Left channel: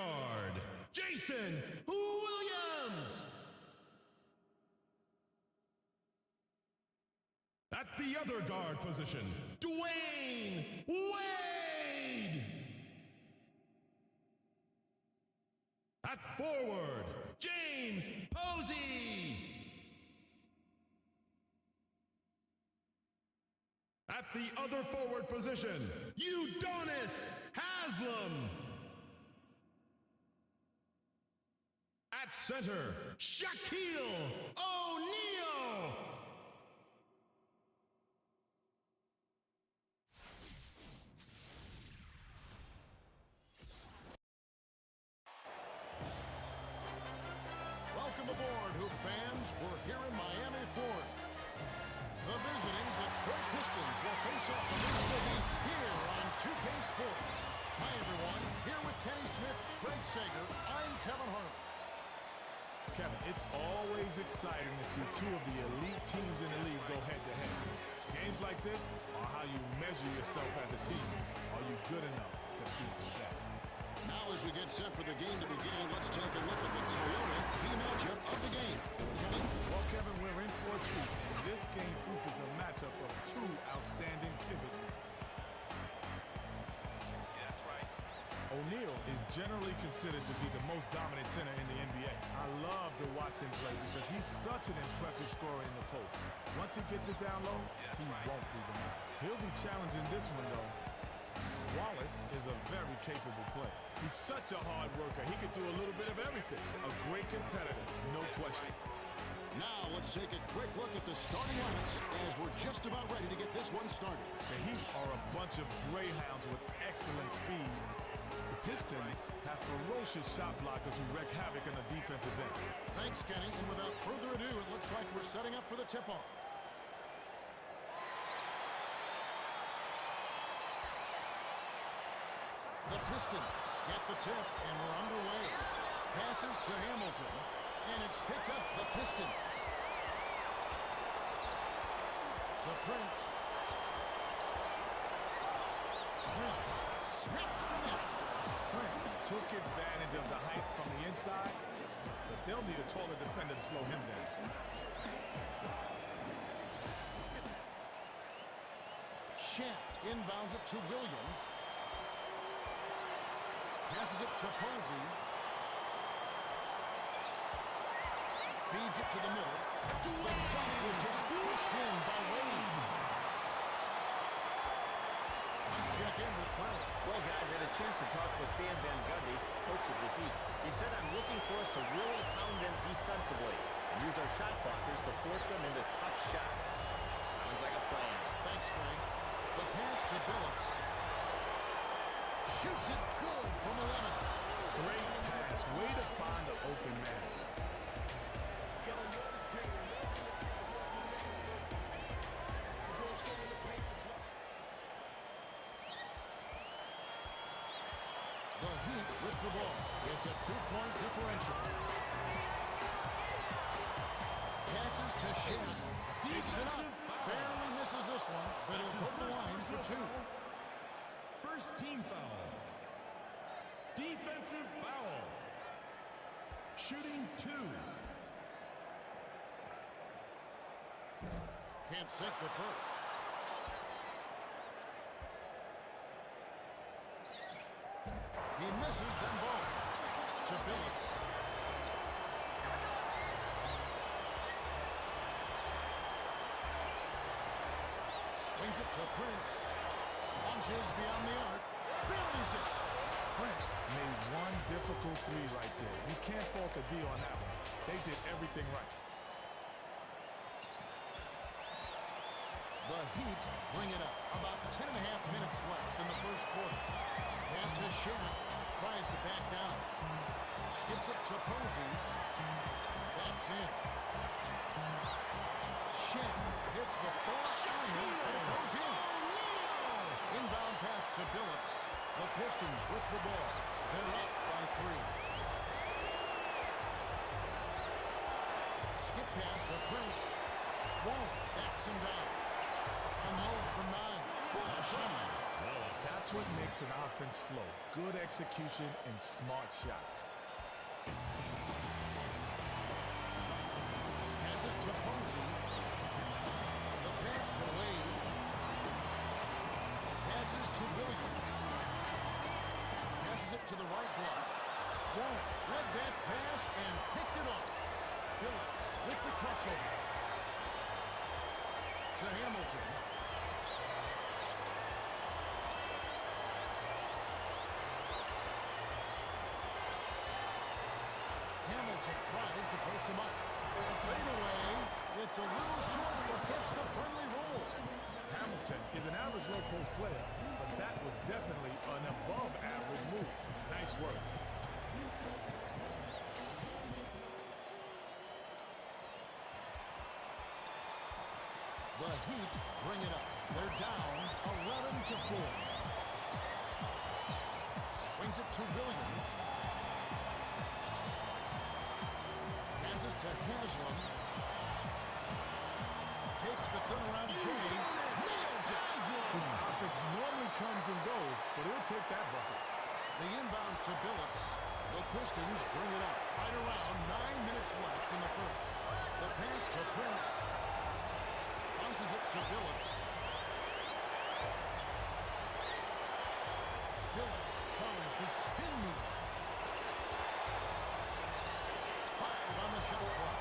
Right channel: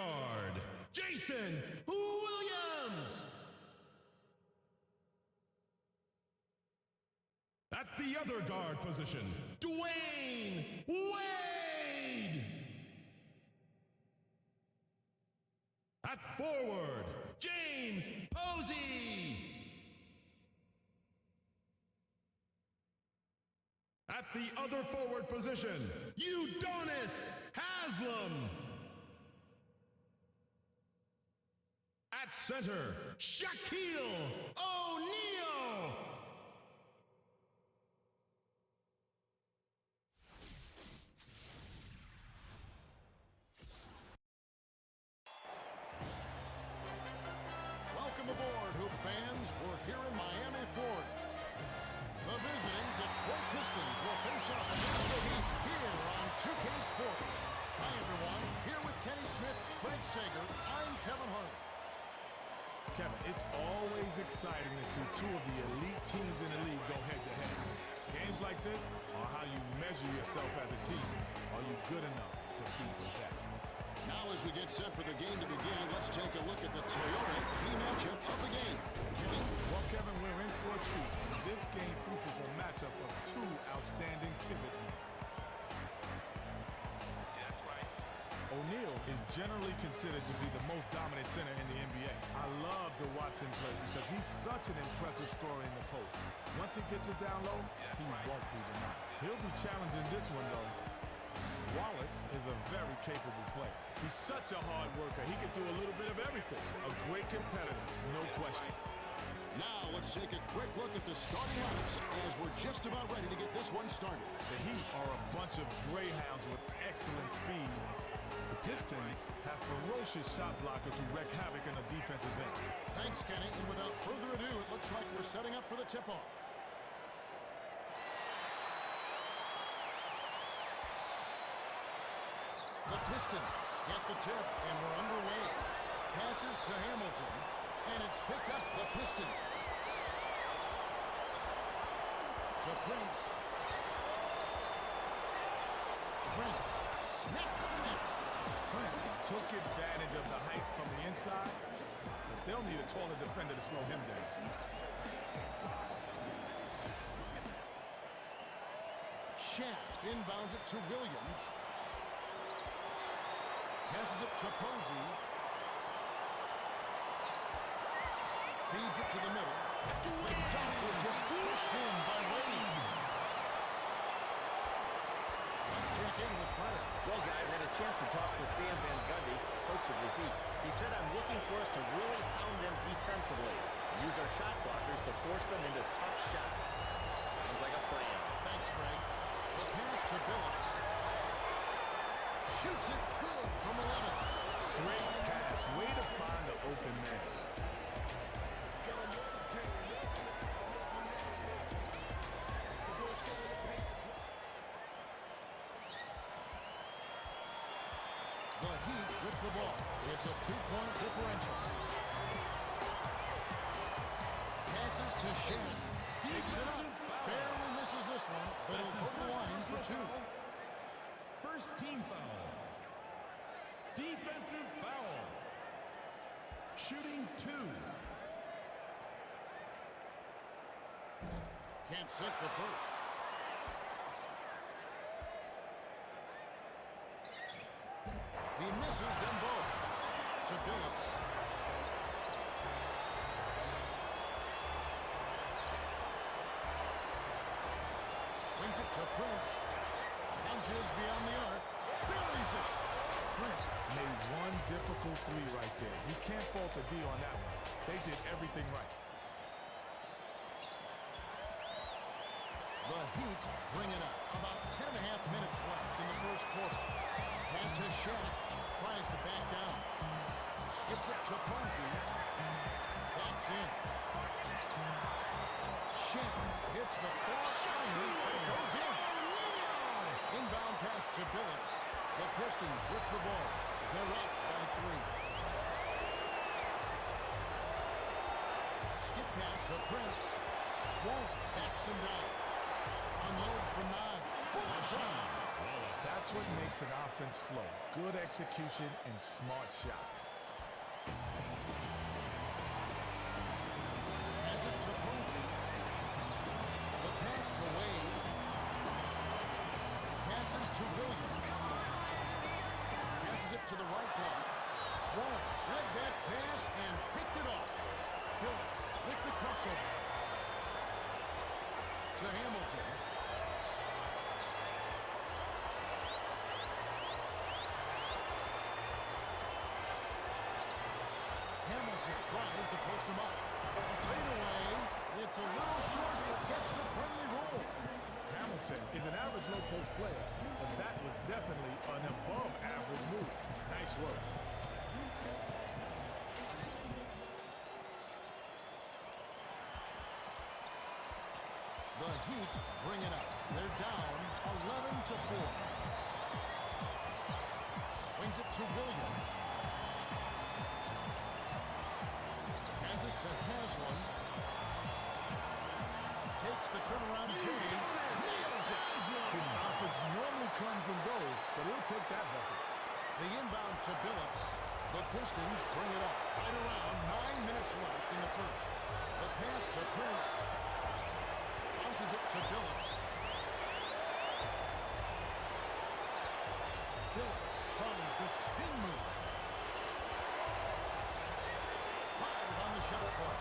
guard, Jason Williams. At the other guard position, Dwayne Wade. At forward, James Posey. At the other forward position, Udonis Haslam. At center, Shaquille O'Neal. Welcome aboard, Hoop fans. We're here in Miami, Florida. The visiting Detroit Pistons will face off against the Heat here on 2K Sports. Hi, everyone. Here with Kenny Smith, Craig Sager, I'm Kevin Harlan. Kevin, it's always exciting to see two of the elite teams in the league go head-to-head. Games like this are how you measure yourself as a team. Are you good enough to beat the best? Now as we get set for the game to begin, let's take a look at the Toyota key matchup of the game. Kenny? Well, Kevin, we're in for a treat, and this game features a matchup of two outstanding pivot men. O'Neal is generally considered to be the most dominant center in the NBA. I love to watch him play because he's such an impressive scorer in the post. Once he gets it down low, he won't be denied. He'll be challenging this one, though. Wallace is a very capable player. He's such a hard worker. He can do a little bit of everything. A great competitor, no question. Now let's take a quick look at the starting lineups as we're just about ready to get this one started. The Heat are a bunch of greyhounds with excellent speed. The Pistons have ferocious shot blockers who wreak havoc in the defensive end. Thanks, Kenny. And without further ado, it looks like we're setting up for the tip-off. The Pistons get the tip, and we're underway. Passes to Hamilton, and it's picked up the Pistons. To Prince. Prince snaps the net. Prince took advantage of the height from the inside, but they'll need a taller defender to slow him down. Shaq inbounds it to Williams. Passes it to Posey. Feeds it to the middle. The dunk was just crushed in by Wade. Let's check in with Craig. Well, guys, I had a chance to talk with Stan Van Gundy, coach of the Heat. He said, I'm looking for us to really hound them defensively and use our shot blockers to force them into tough shots. Sounds like a plan. Thanks, Craig. The pass to Billups. Shoots it good from 11. Great pass. Way to find the open man. The Heat with the ball. It's a 2-point differential. Passes to Shaq. Takes it up. Barely misses this one, but he'll go to the line for two. First team foul. Defensive foul. Shooting 2. Can't sink the first. He misses them both. To Billups. Swings it to Prince. Launches beyond the arc. Buries it. Prince made one difficult three right there. You can't fault the D on that one. They did everything right. The Heat bring it up. About 10.5 minutes left in the first quarter. Pass to Shaq. Tries to back down. Skips it to Posey. Backs in. Shaq hits the far iron, but it goes in. Inbound pass to Billups. The Pistons with the ball. They're up by 3. Skip pass to Prince. Wallace backs him down. Unload from 9. Bullseye. That's what makes an offense flow. Good execution and smart shots. Passes to Posey. The pass to Wade. Passes to Williams. Passes it to the right block. Wallace read that pass and picked it off. Billups with the crossover. To Hamilton. Hamilton tries to post him up. A fadeaway. It's a little short, but gets the friendly roll. Hamilton is an average low post player, but that was definitely an above average move. Nice work. The Heat bring it up. They're down 11-4. Swings it to Williams. Passes to Haslam. Takes the turnaround Jay. Nails it! His offense normally comes and goes, but he'll take that bucket. The inbound to Billups. The Pistons bring it up. Right around 9 minutes left in the first. The pass to Prince. Bounces it to Billups. Billups tries the spin move. 5 on the shot clock.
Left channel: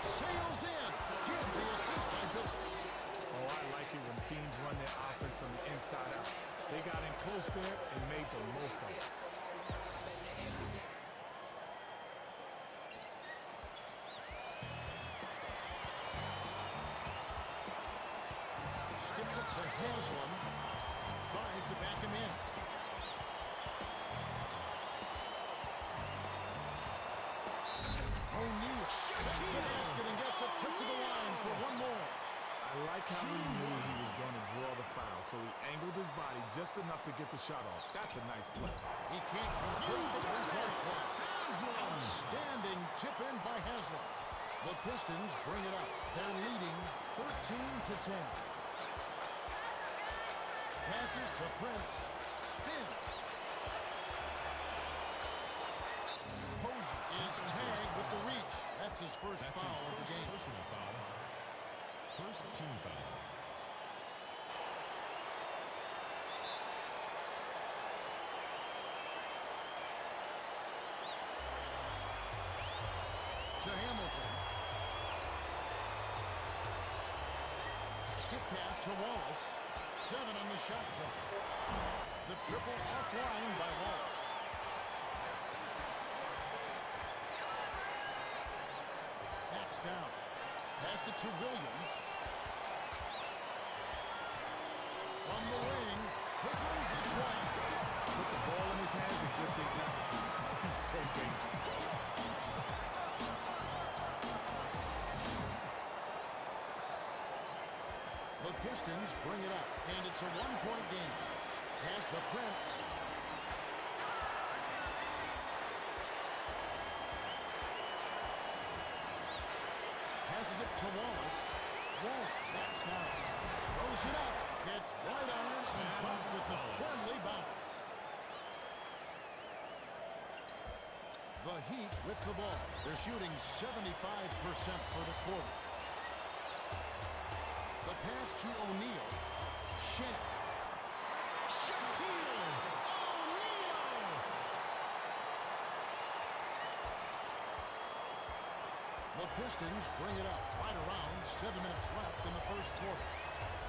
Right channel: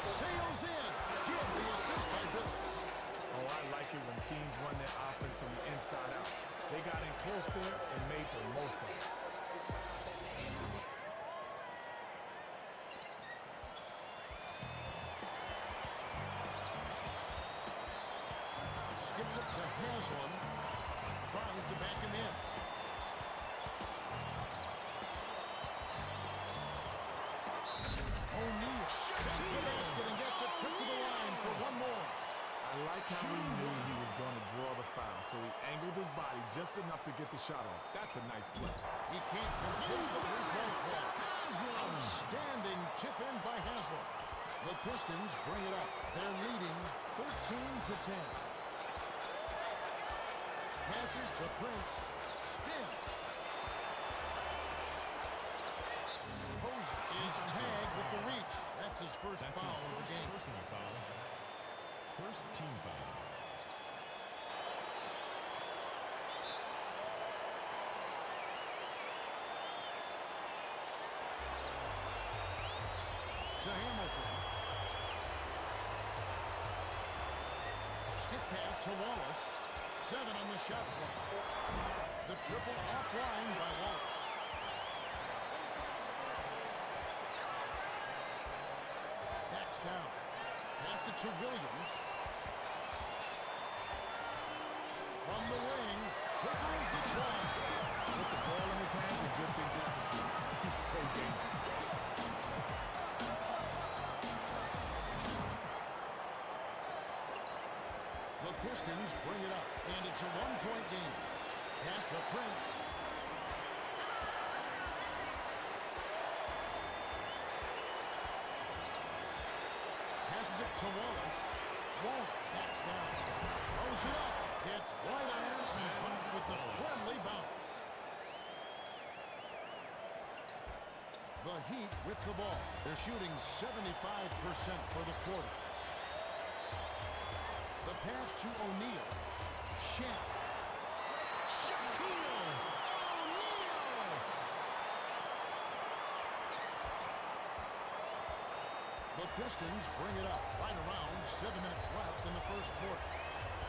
Sails in. Give the assist by Billups. Oh, I like it when teams run their offense from the inside out. They got in close there and made the most of it. Skips it to Haslam. Tries to back him in. O'Neal sent the basket and gets a trip to the line for one more. I like how he knew he was going to draw the foul, so he angled his body just enough to get the shot off. That's a nice play. He can't complete the three-point play. Outstanding tip in by Haslam. The Pistons bring it up. They're leading 13-10. Passes to Prince. Spins. Posey is tagged with the reach. That's his first foul of the game. Personal foul. First team foul. To Hamilton. Skip pass to Wallace. 7 on the shot clock. The triple offline by Wallace. Backs down. Passed it to Williams. From the wing, tickles the twine. Put the ball in his hands and good things happen to him. He's so dangerous. The Pistons bring it up, and it's a one-point game. Pass to Prince. Passes it to Wallace. Wallace backs down. Throws it up. Gets right iron and drops with the friendly bounce. The Heat with the ball. They're shooting 75% for the quarter. The pass to O'Neal. Shaq. The Pistons bring it up right around 7 minutes left in the first quarter.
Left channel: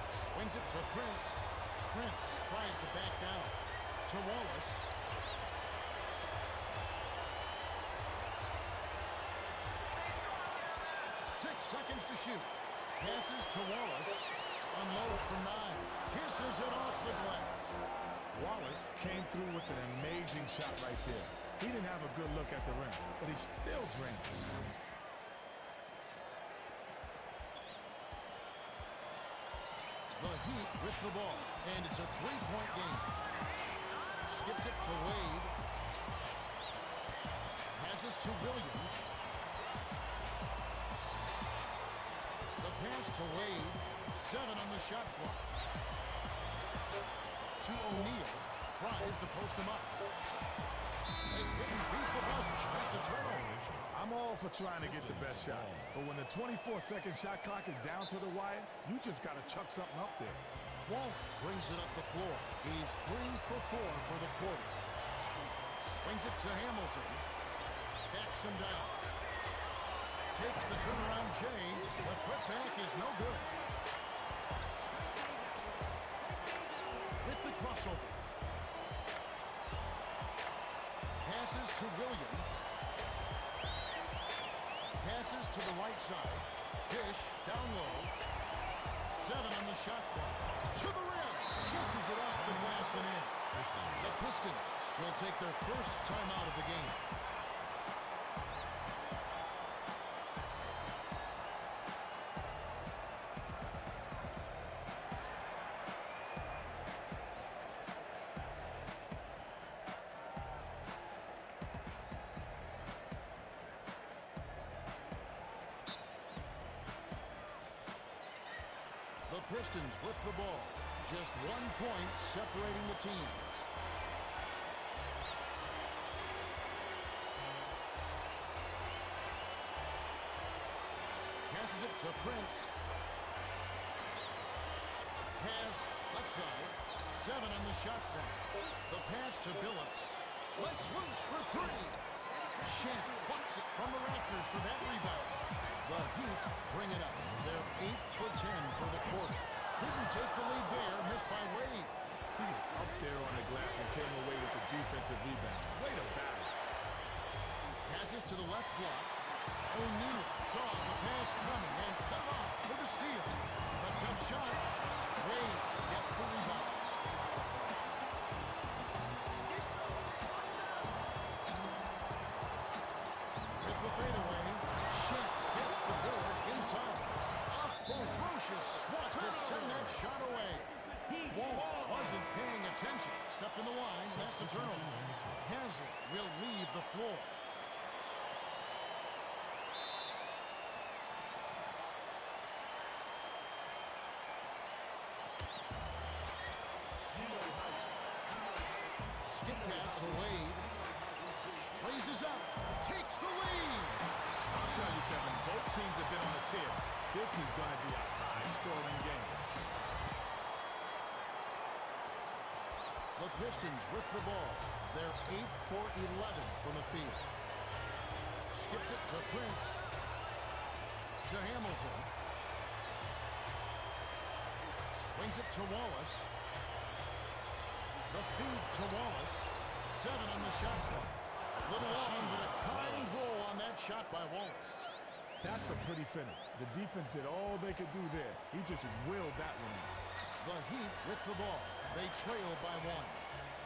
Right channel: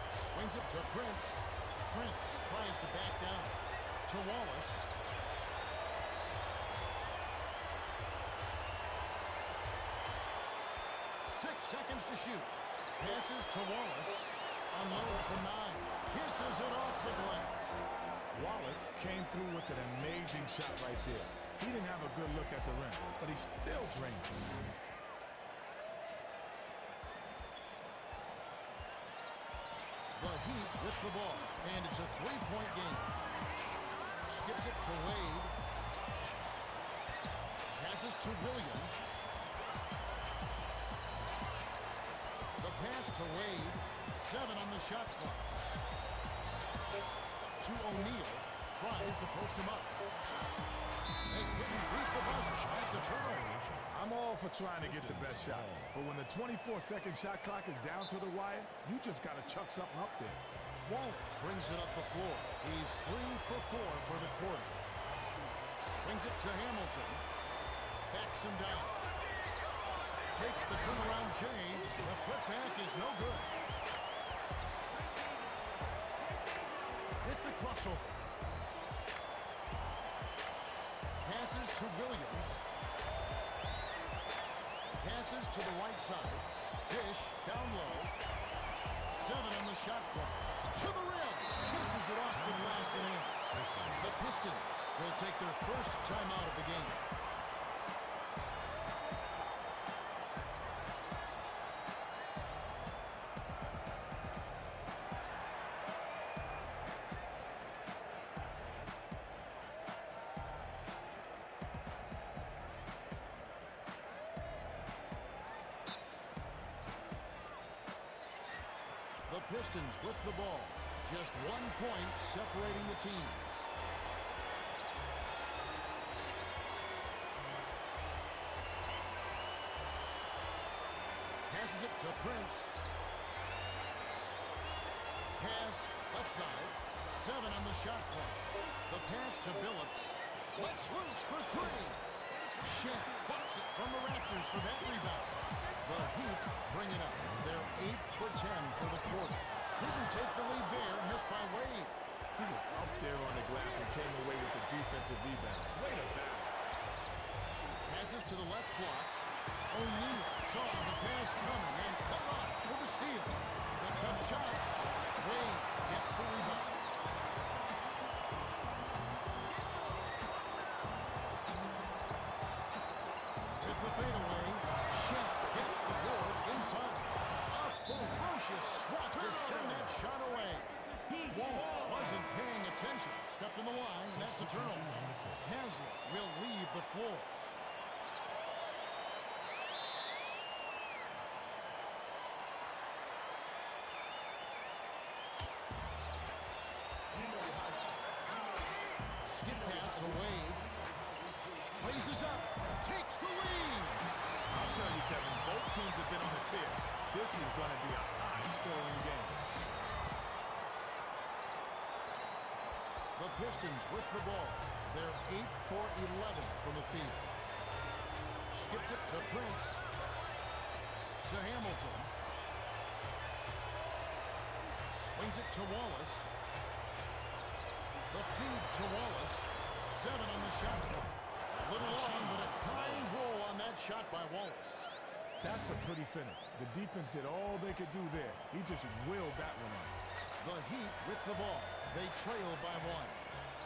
Swings it to Prince. Prince tries to back down. To Wallace. Six seconds to shoot. Passes to Wallace. Unloads from 9. Kisses it off the glass. Wallace came through with an amazing shot right there. He didn't have a good look at the rim, but he still drained it. The Heat with the ball, and it's a three-point game. Skips it to Wade. Passes to Williams. The pass to Wade. 7 on the shot clock. to O'Neal. Tries to post him up. They couldn't beat the buzzer. That's a turnover. I'm all for trying to get the best shot, but when the 24-second shot clock is down to the wire, you just got to chuck something up there. Wallace brings it up the floor. He's 3 for 4 for the quarter. Swings it to Hamilton. Backs him down. Takes the turnaround Jay. The putback is no good. With the crossover. Passes to Williams. Passes to the right side. Dish down low. 7 on the shot clock. To the rim. Kisses it off the glass and in. The Pistons will take their first timeout of the game. The Pistons with the ball. Just 1 point separating the teams. Passes it to Prince. Pass left side. 7 on the shot clock. The pass to Billups. Lets loose for 3. Shaq blocks it from the rafters for that rebound. The Heat bring it up. They're 8 for 10 for the quarter. Couldn't take the lead there. Missed by Wade. He was up there on the glass and came away with the defensive rebound. Way to battle. Passes to the left block. O'Neal saw the pass coming and cut it off for the steal. The tough shot. Wade gets the rebound. With the fadeaway, Shaq gets the board inside. A ferocious swat to send that shot away. Wallace wasn't paying attention. Stepped in the line, and that's a turnover. Haslett will leave the floor. Skip pass to Wade. Raises up. Takes the lead. I'll tell you, Kevin, both teams have been on a tear. This is going to be a high-scoring game. The Pistons with the ball. They're 8 for 11 from the field. Skips it to Prince. To Hamilton. Swings it to Wallace. The feed to Wallace. 7 on the shot clock. A little long, but a kind roll on that shot by Wallace. That's a pretty finish. The defense did all they could do there. He just willed that one in. The Heat with the ball. They trail by 1.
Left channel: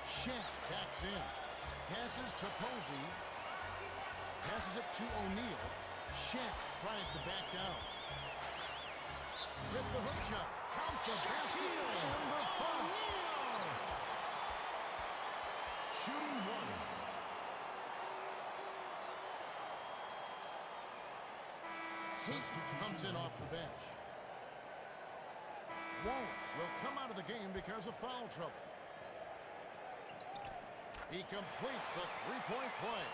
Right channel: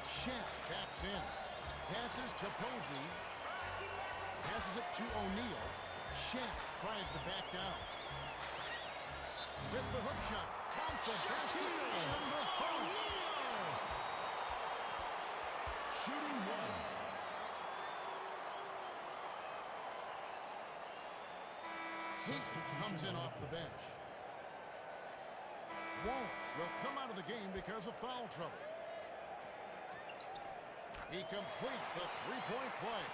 Shaq backs in. Passes to Posey. Passes it to O'Neal. Shaq tries to back down. With the hook shot. Count the basket and the foul. Shooting 1. Heat comes in off the bench. Wallace will come out of the game because of foul trouble. He completes the three-point play.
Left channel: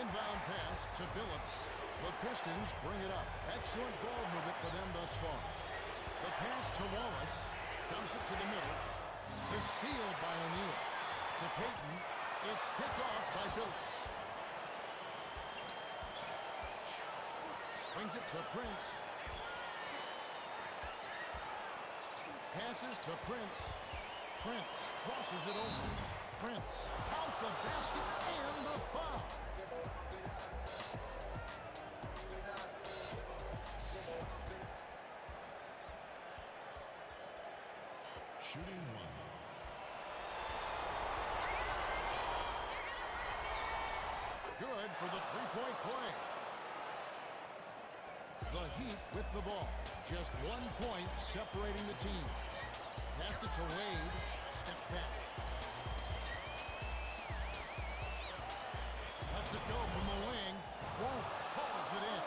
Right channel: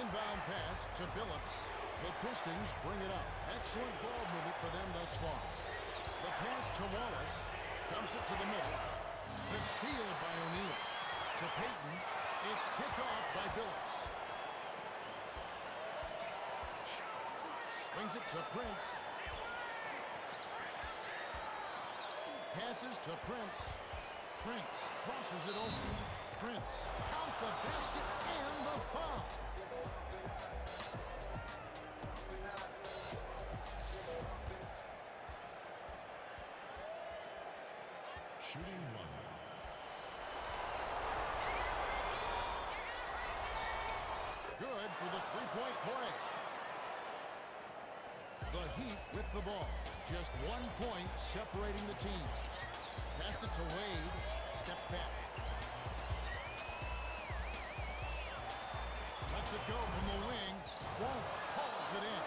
Inbound pass to Billups. The Pistons bring it up. Excellent ball movement for them thus far. The pass to Wallace. Dumps it to the middle. The steal by O'Neal. To Payton. It's picked off by Billups. Swings it to Prince. Passes to Prince. Prince crosses it over. Prince. Count the basket and the foul. Shooting 1. Good for the three-point play. The Heat with the ball. Just 1 point separating the teams. Passed it to Wade. Steps back. Lets it go from the wing. Wallace hauls it in.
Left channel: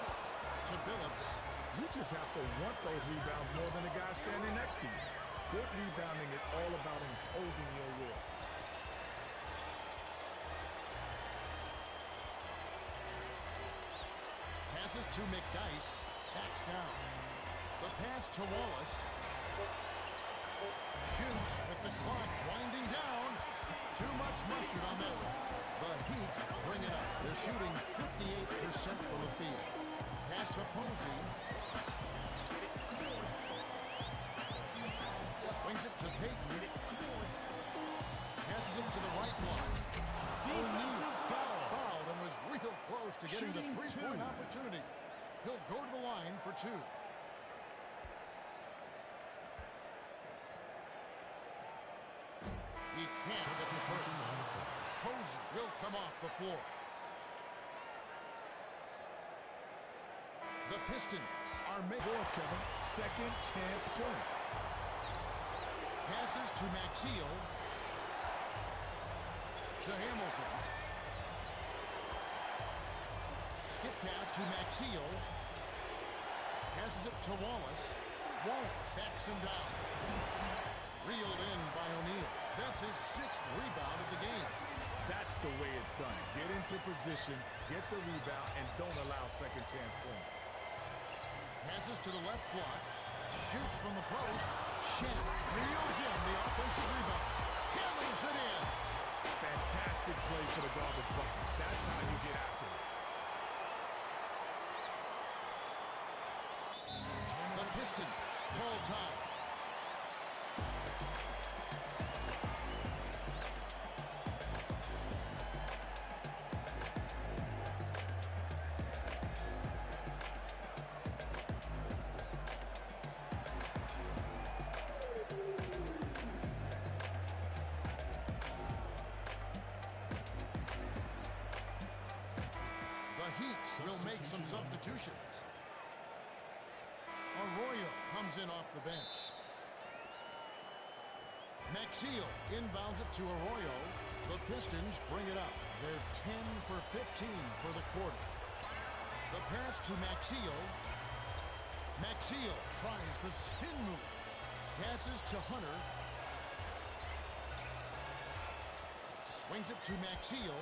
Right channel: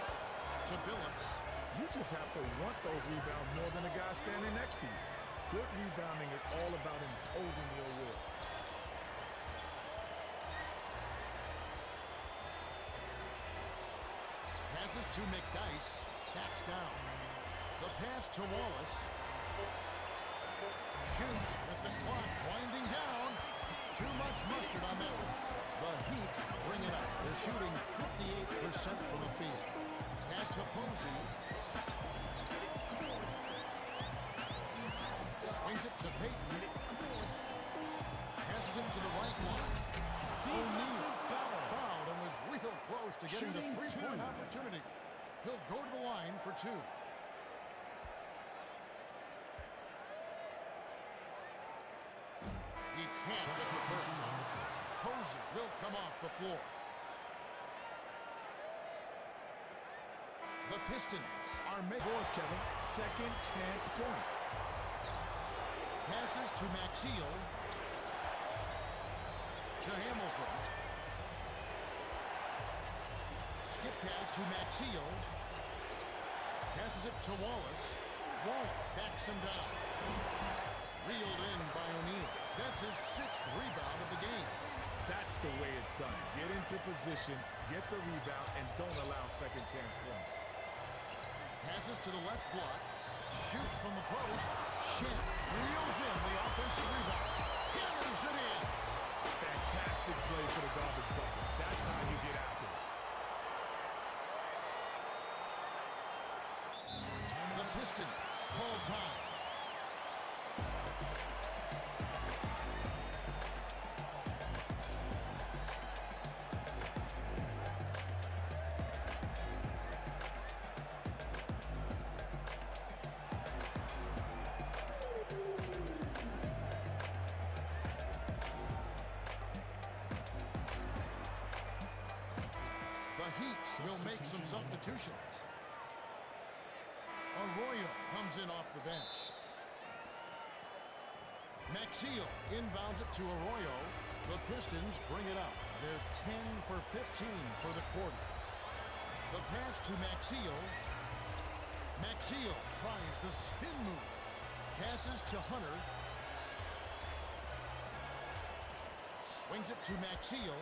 To Billups. You just have to want those rebounds more than the guy standing next to you. Good rebounding is all about imposing your will. Passes to McDyess. Backs down. The pass to Wallace. Shoots with the clock winding down. Too much mustard on that one. The Heat bring it up. They're shooting 58% from the field. Pass to Posey. Swings it to Payton. Passes it to the right block. O'Neal got fouled and was real close to getting the three-point opportunity. He'll go to the line for two. He can't get the first. Posey will come off the floor. The Pistons are making Boards, Kevin. Second chance points. passes to Maxiel. To Hamilton. Skip pass to Maxiel. Passes it to Wallace. Wallace backs him down. Reeled in by O'Neal. That's his 6th rebound of the game. That's the way it's done. Get into position, get the rebound, and don't allow second chance points. Passes to the left block. Shoots from the post. Shen reels in the offensive rebound. Hammers it in. Fantastic play for the garbage bucket. That's how you get after it. The Pistons call time. The Heat will make some substitutions. Arroyo comes in off the bench. Maxiel inbounds it to Arroyo. The Pistons bring it up. They're 10 for 15 for the quarter. The pass to Maxiel. Maxiel tries the spin move. Passes to Hunter. Swings it to Maxiel.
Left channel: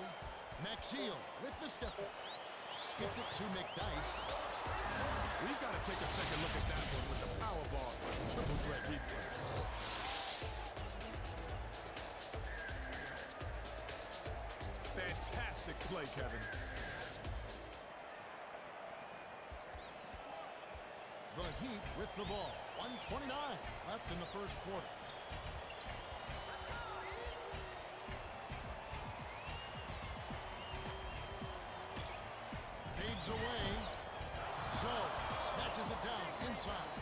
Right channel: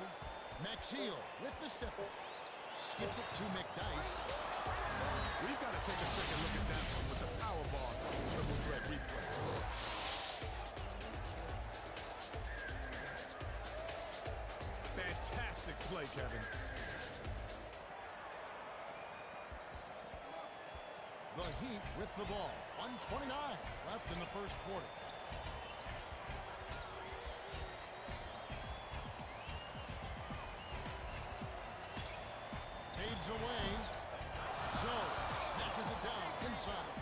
Maxiel with the step back. Skipped it to McDyess. We've got to take a second look at that one with the power ball triple threat replay. Fantastic play, Kevin. The Heat with the ball. 1:29 left in the first quarter. Fades away. Zoe snatches it down inside.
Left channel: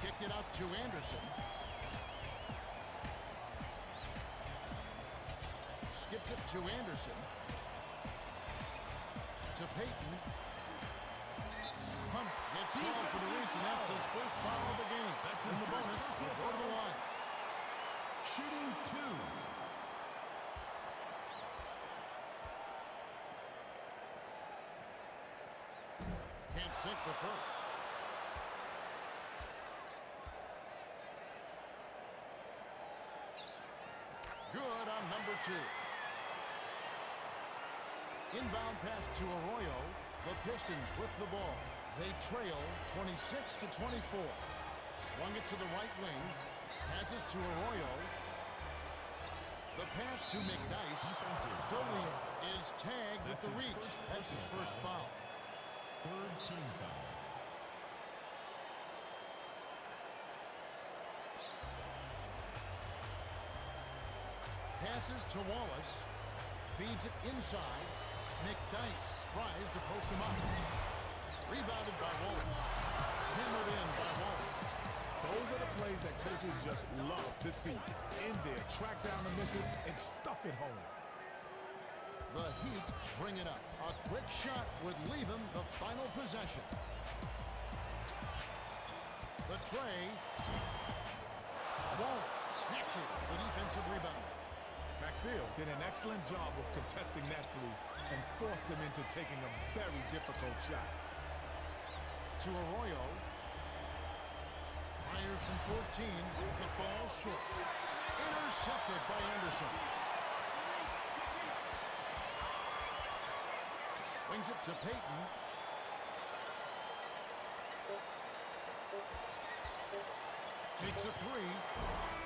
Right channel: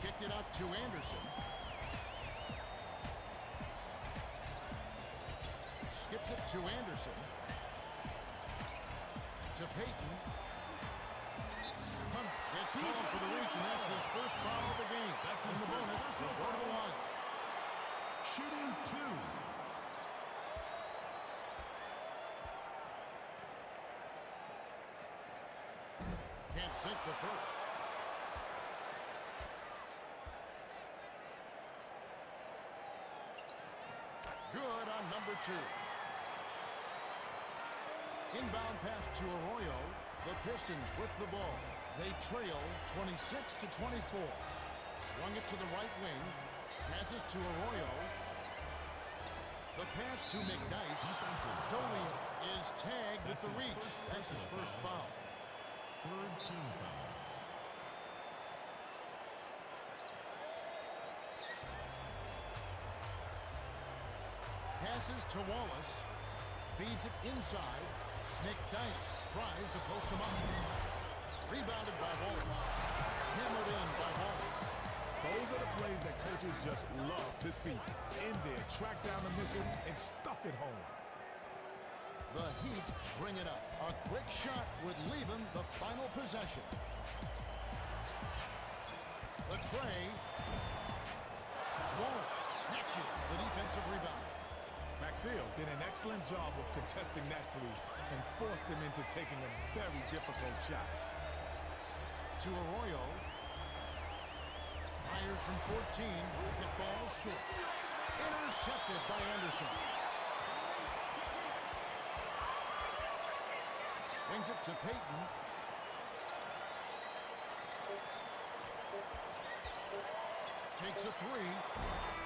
Kicked it out to Anderson. Skips it to Anderson. To Payton. Hunter gets called for the reach, and that's his first foul of the game. In the bonus, he'll go to the line. Shooting 2. Can't sink the first. Good on number 2. Inbound pass to Arroyo. The Pistons with the ball. They trail 26-24. Swung it to the right wing. Passes to Arroyo. The pass to McDyess. Dolia is tagged with the reach. That's his first foul. 3rd team foul. Passes to Wallace. Feeds it inside. McDyess tries to post him up. Rebounded by Wallace. Hammered in by Wallace. Those are the plays that coaches just love to see. In there, track down the misses and stuff it home. The Heat bring it up. A quick shot would leave him the final possession. The tray. Wallace snatches the defensive rebound. Maxiel did an excellent job of contesting that three and forced him into taking a very difficult shot. To Arroyo. Fires from 14. It falls short. Intercepted by Anderson. Swings it to Peyton. Takes a three.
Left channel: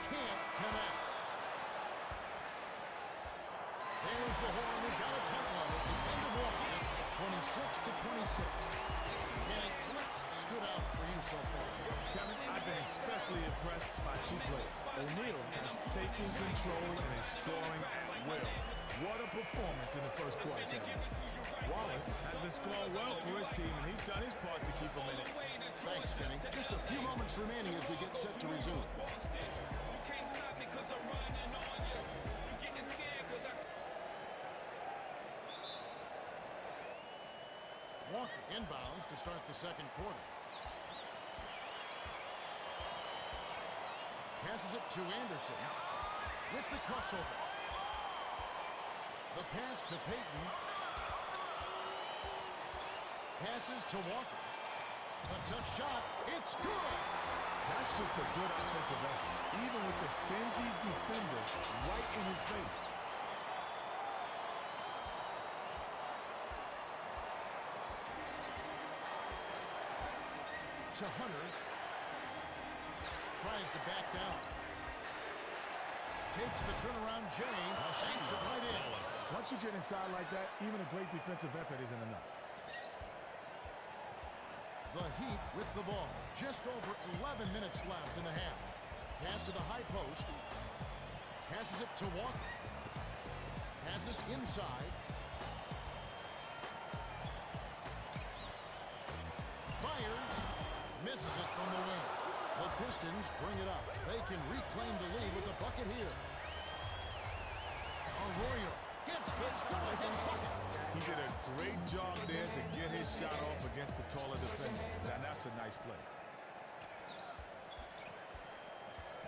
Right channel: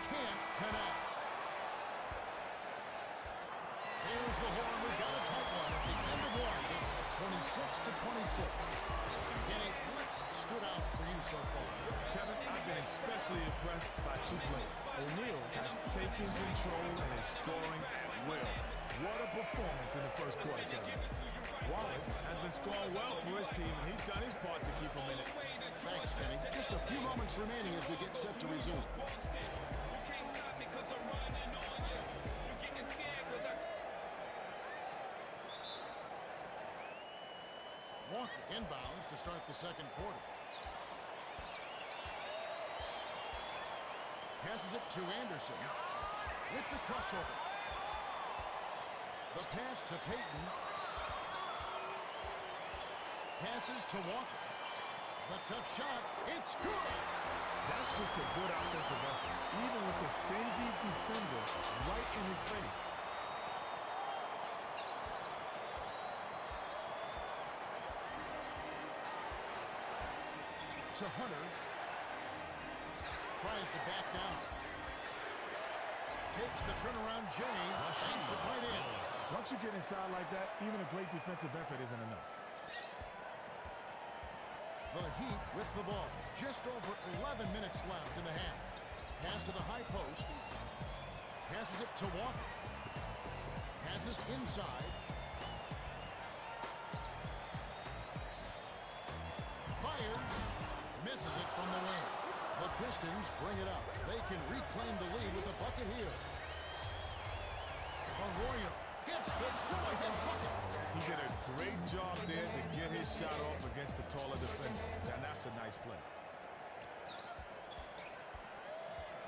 Can't connect. There's the horn. We've got a tight one at the end of one. It's 26-26. Kenny, what stood out for you so far? Kevin, I've been especially impressed by two plays. O'Neal has taken control and is scoring at will. What a performance in the first quarter, Kevin. Wallace has been scoring well for his team, and he's done his part to keep him in it. Thanks, Kenny. Just a few moments remaining as we get set to resume. Walker inbounds to start the second quarter. Passes it to Anderson with the crossover. The pass to Peyton. Passes to Walker. The tough shot. It's good. That's just a good offensive effort, even with the stingy defender right in his face. To Hunter. Tries to back down. Takes the turnaround Jay. Banks it right in. Once you get inside like that, even a great defensive effort isn't enough. The Heat with the ball. Just over 11 minutes left in the half. Pass to the high post. Passes it to Walker. Passes inside. Fires. Misses it from the wing. The Pistons bring it up. They can reclaim the lead with a bucket here. Arroyo gets the go-ahead bucket. He did a great job there to get his shot off against the taller defender. Now that's a nice play.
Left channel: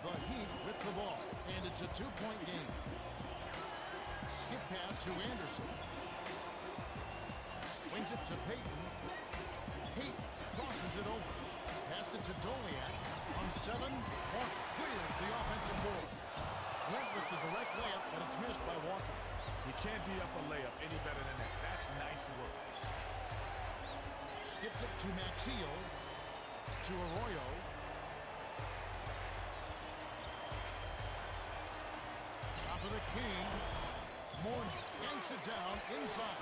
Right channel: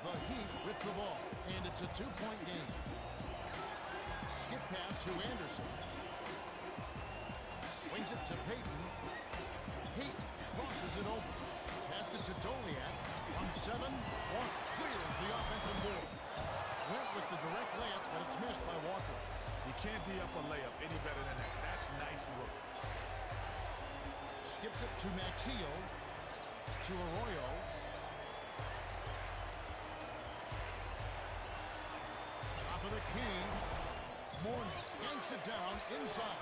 The Heat with the ball, and it's a two-point game. Skip pass to Anderson. Swings it to Peyton. Peyton crosses it over. Passed it to Doliak. On 7, Walker clears the offensive boards. Went with the direct layup, but it's missed by Walker. You can't D-up a layup any better than that. That's nice work. Skips it to Maxiel. To Arroyo. Top of the key. Mourning yanks it down inside.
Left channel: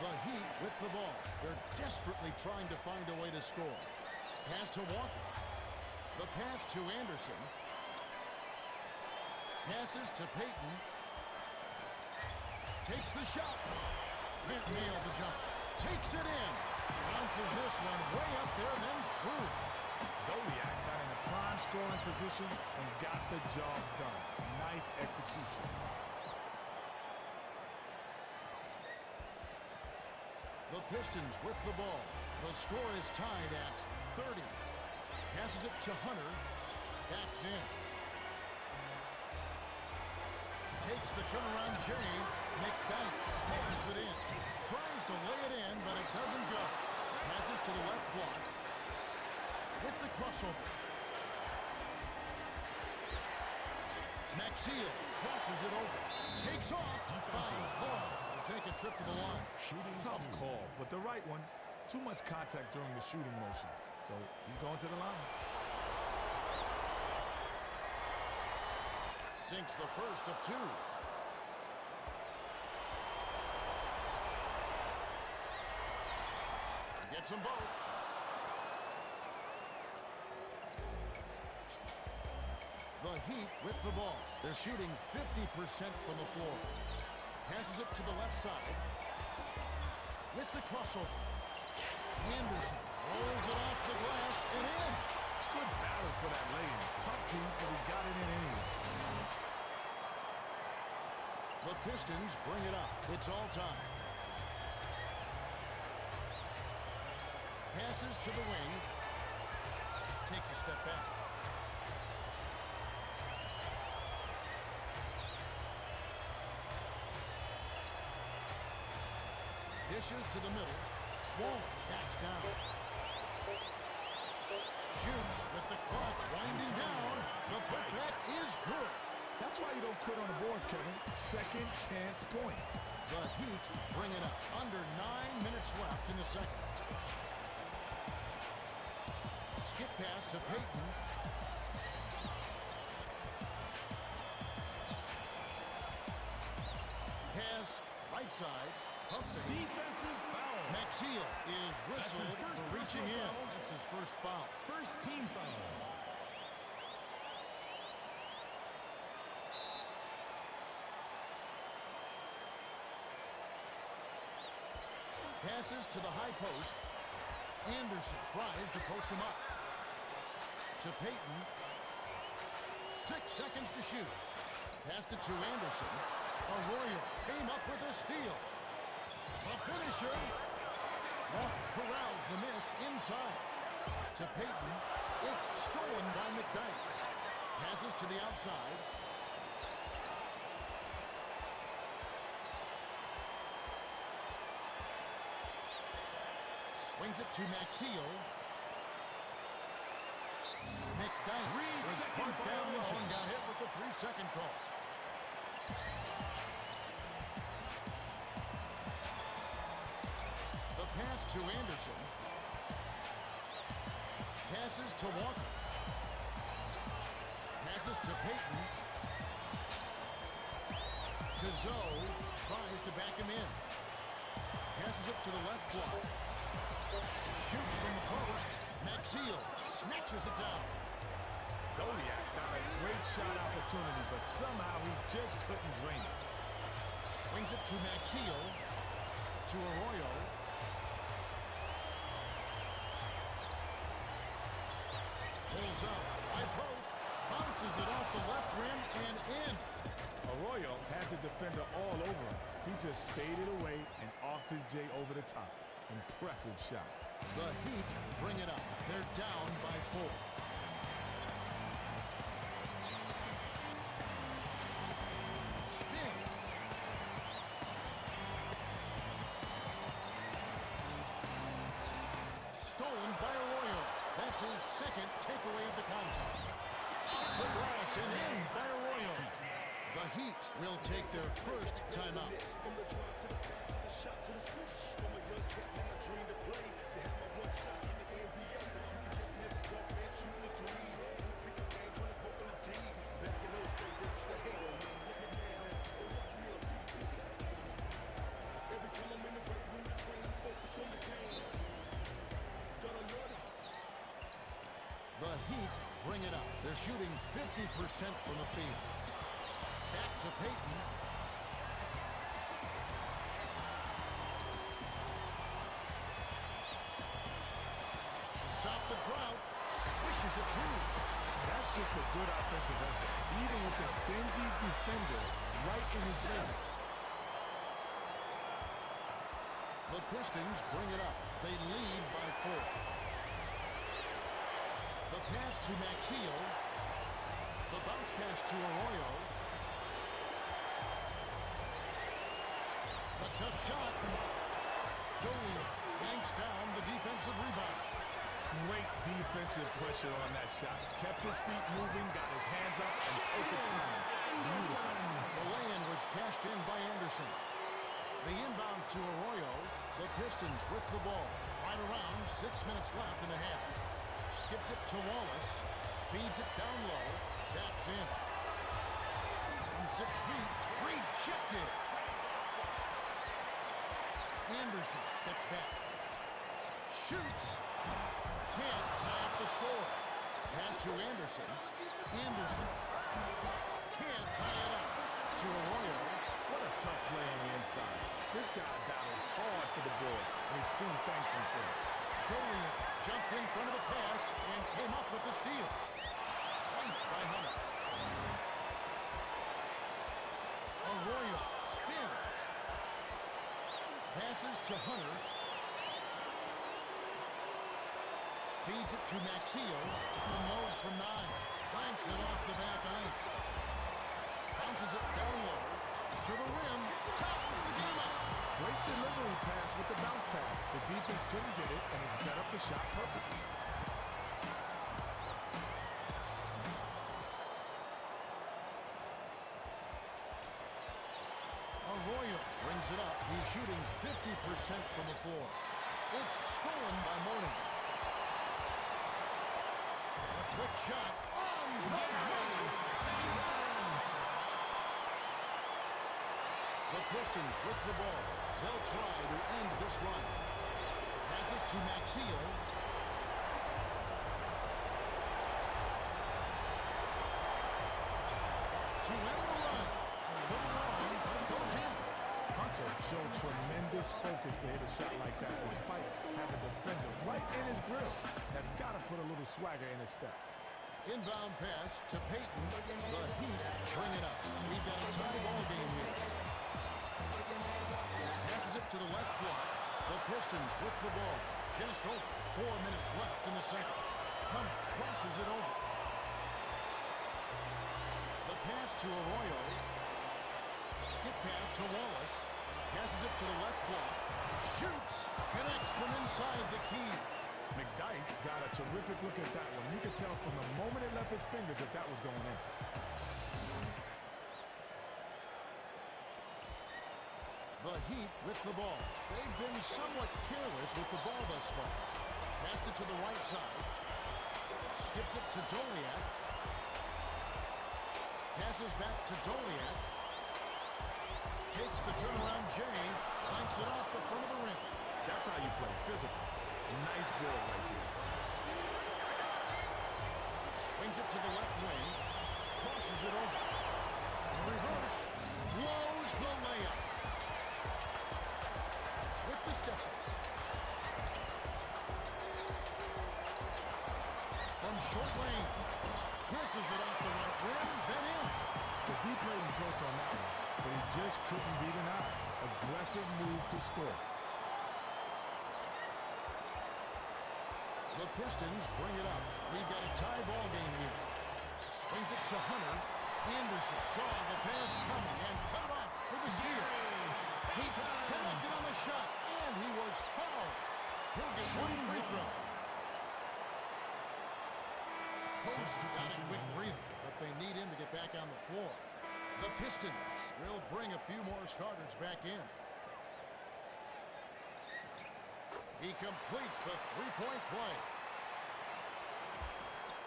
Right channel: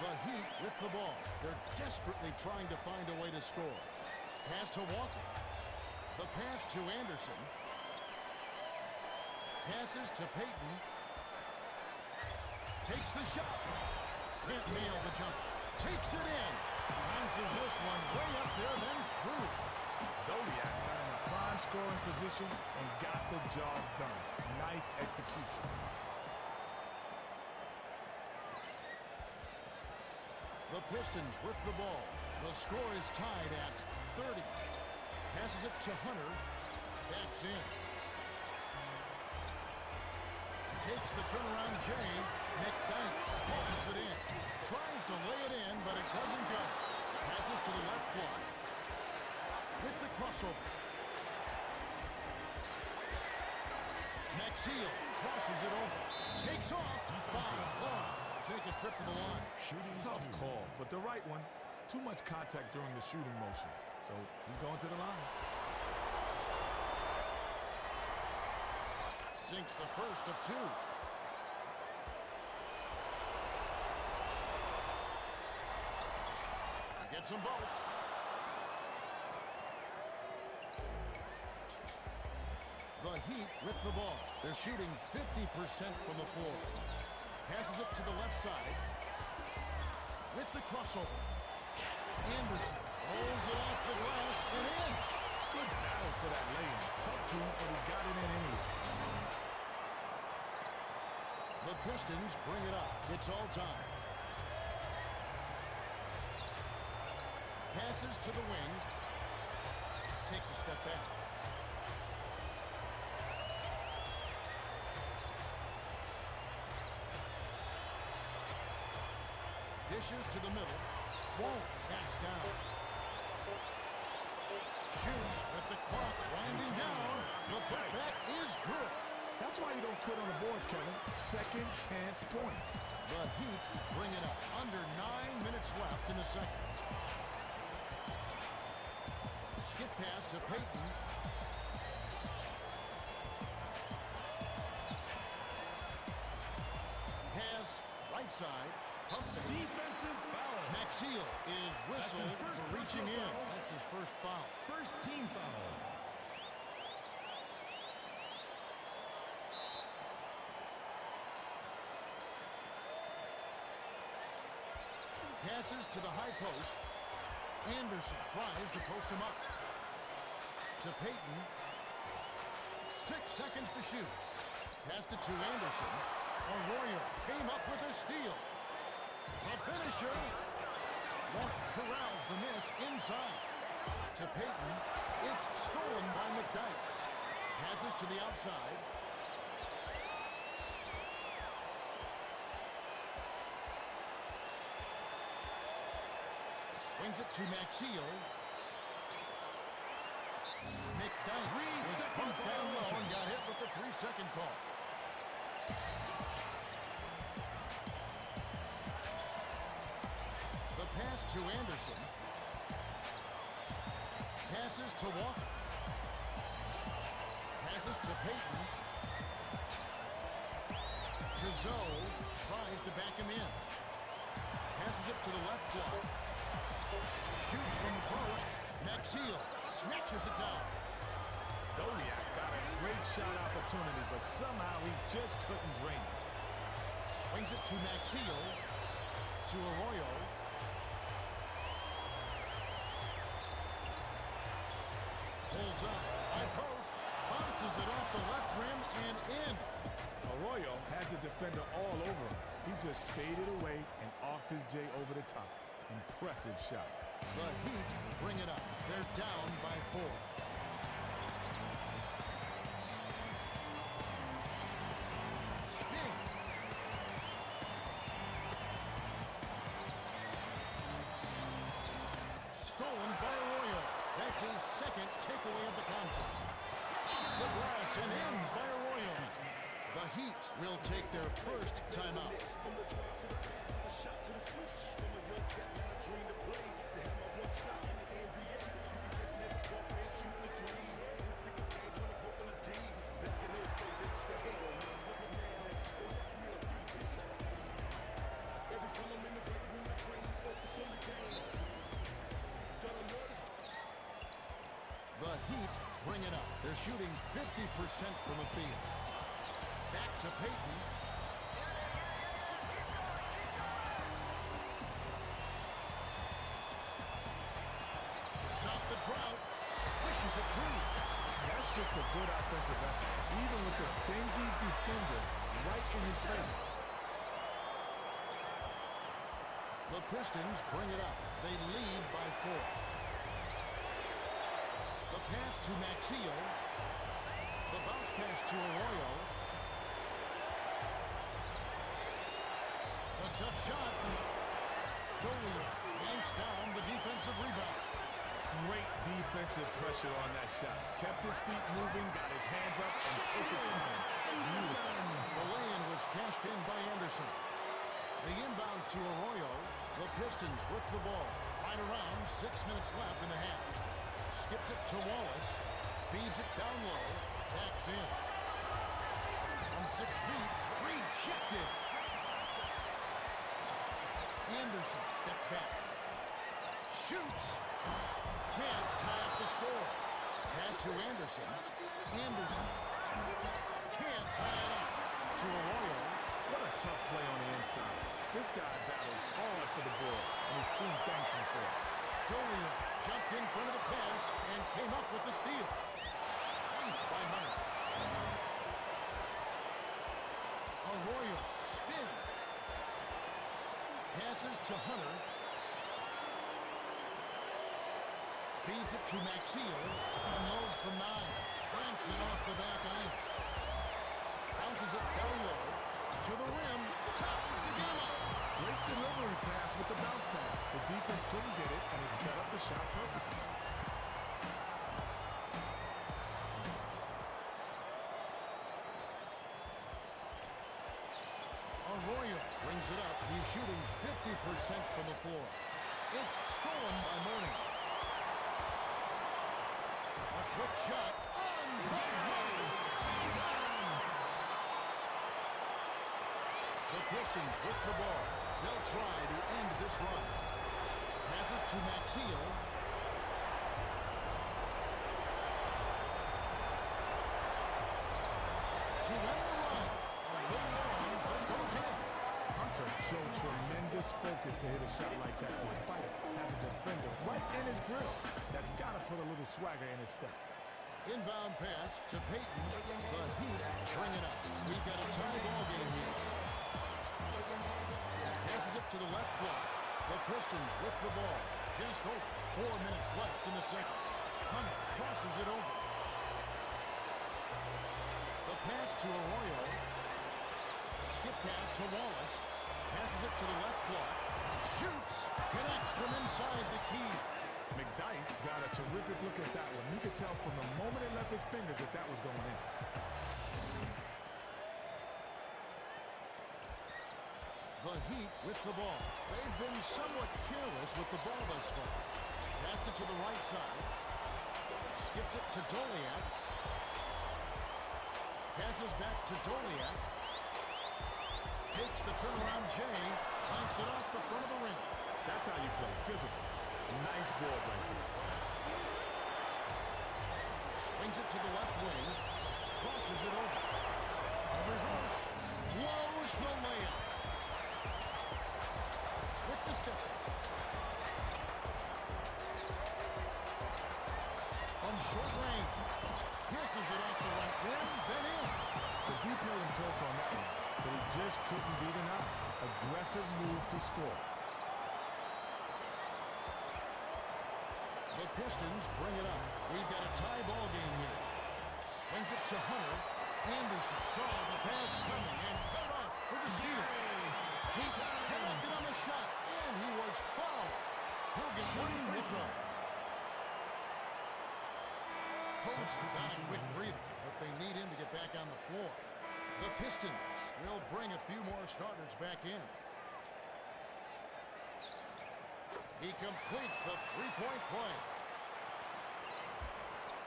The Heat with the ball. They're desperately trying to find a way to score. Pass to Walker. The pass to Anderson. Passes to Peyton. Takes the shot. Can't nail the jump. Takes it in. Bounces this one way up there, then through. Doliak got in a prime scoring position and got the job done. Nice execution. The Pistons with the ball. The score is tied at 30. Passes it to Hunter. Backs in. Takes the turnaround Jay. McDykes holds it in. Tries to lay it in, but it doesn't go. Passes to the left block. With the crossover. Maxiel crosses it over. Takes off. Foul. Will take a trip to the line. Tough call, but the right one. Too much contact during the shooting motion. So he's going to the line. Sinks the first of two. He gets them both. The Heat with the ball. They're shooting 50% from the floor. Passes it to the left side. With the crossover. Anderson rolls it off the glass and in. Good battle for that lay-in. Tough D, but he got it in anyway. The Pistons bring it up. It's all tied. Passes to the wing. Takes a step back. Dishes to the middle. Wallace backs down. Shoots with the clock winding down. The putback is good. That's why you don't quit on the boards, Kevin. Second chance points. The Heat bring it up. Under 9 minutes left in the second. Skip pass to Payton. Pass right side. Pump fake. Defensive foul. Maxiel is whistled for reaching in. That's his first foul. First team foul. Passes to the high post. Anderson tries to post him up. To Payton. 6 seconds to shoot. Passed it to Anderson. Arroyo came up with a steal. The finisher. Walker corrals the miss inside. To Payton. It's stolen by McDyess. Passes to the outside. Swings it to Maxiel. McDyess was parked down low and got hit with the 3-second call. The pass to Anderson. Passes to Walker. Passes to Payton. To Zoe. Tries to back him in. Passes it to the left block. Shoots from the post. Maxiel snatches it down. Doliak got a great shot opportunity, but somehow he just couldn't drain it. Swings it to Maxiel. To Arroyo. Pulls up. High post. Bounces it off the left rim and in. Arroyo had the defender all over him. He just faded away and arced his J over the top. Impressive shot. The Heat bring it up. They're down by 4. Spins. Stolen by Arroyo. That's his second takeaway of the contest. Off the glass and in by Arroyo. The Heat will take their first timeout. The Heat bring it up. They're shooting 50% from the field. Back to Payton. To stop the drought, swishes it through. That's just a good offensive effort, even with the stingy defender right in his face. The Pistons bring it up. They lead by 4. The pass to Maxiel. The bounce pass to Arroyo. The tough shot. Dolia yanks down the defensive rebound. Great defensive pressure on that shot. Kept his feet moving, got his hands up, and perfect timing. Beautiful. The lay-in was cashed in by Anderson. The inbound to Arroyo. The Pistons with the ball. Right around 6 minutes left in the half. Skips it to Wallace. Feeds it down low. Backs in. From 6 feet. Rejected. Anderson steps back. Shoots. Can't tie up the score. Pass to Anderson. Anderson. Can't tie it up. To Arroyo. What a tough play on the inside. This guy battled hard for the ball, and his team thanks him for it. Dolia jumped in front of the pass and came up with the steal. Swiped by Hunter. Arroyo spins. Passes to Hunter. Feeds it to Maxiel. Unloads from 9. Flanks it off the back iron. Bounces it down low. To the rim. Ties the game up. Great delivery pass with the bounce pass. The defense couldn't get it, and it set up the shot perfectly. Arroyo brings it up. He's shooting 50% from the floor. It's stolen by Mourning. A quick shot on the money. The Pistons with the ball. They'll try to end this run. Passes to Maxiell. To end the run. A little long, but it goes in. Hunter showed tremendous focus to hit a shot like that despite having a defender right in his grill. That's got to put a little swagger in his step. Inbound pass to Payton. The Heat bring it up. We've got a tie ball game here. Passes it to the left block. The Pistons with the ball. Just over 4 minutes left in the second. Hunter crosses it over. The pass to Arroyo. Skip pass to Wallace. Passes it to the left block. Shoots. Connects from inside the key. McDyess got a terrific look at that one. You could tell from the moment it left his fingers that that was going in. The Heat with the ball. They've been somewhat careless with the ball thus far. Passed it to the right side. Skips it to Doliak. Passes back to Doliak. Takes the turnaround Jay. Clanks it off the front of the rim. That's how you play, physical. Nice board right there. Swings it to the left wing. Crosses it over. A reverse. Blows the layup. With the step back. From short range. Kisses it off the right rim, then in. The D played him close on that one, but he just couldn't beat an eye. Aggressive move to score. The Pistons bring it up. We've got a tie ball game here. Swings it to Hunter. Anderson saw the pass coming and cut it off for the steal. He connected on the shot, and he was fouled. He'll get one free throw. Posey got a quick breather, but they need him to get back on the floor. The Pistons will bring a few more starters back in. He completes the three-point play.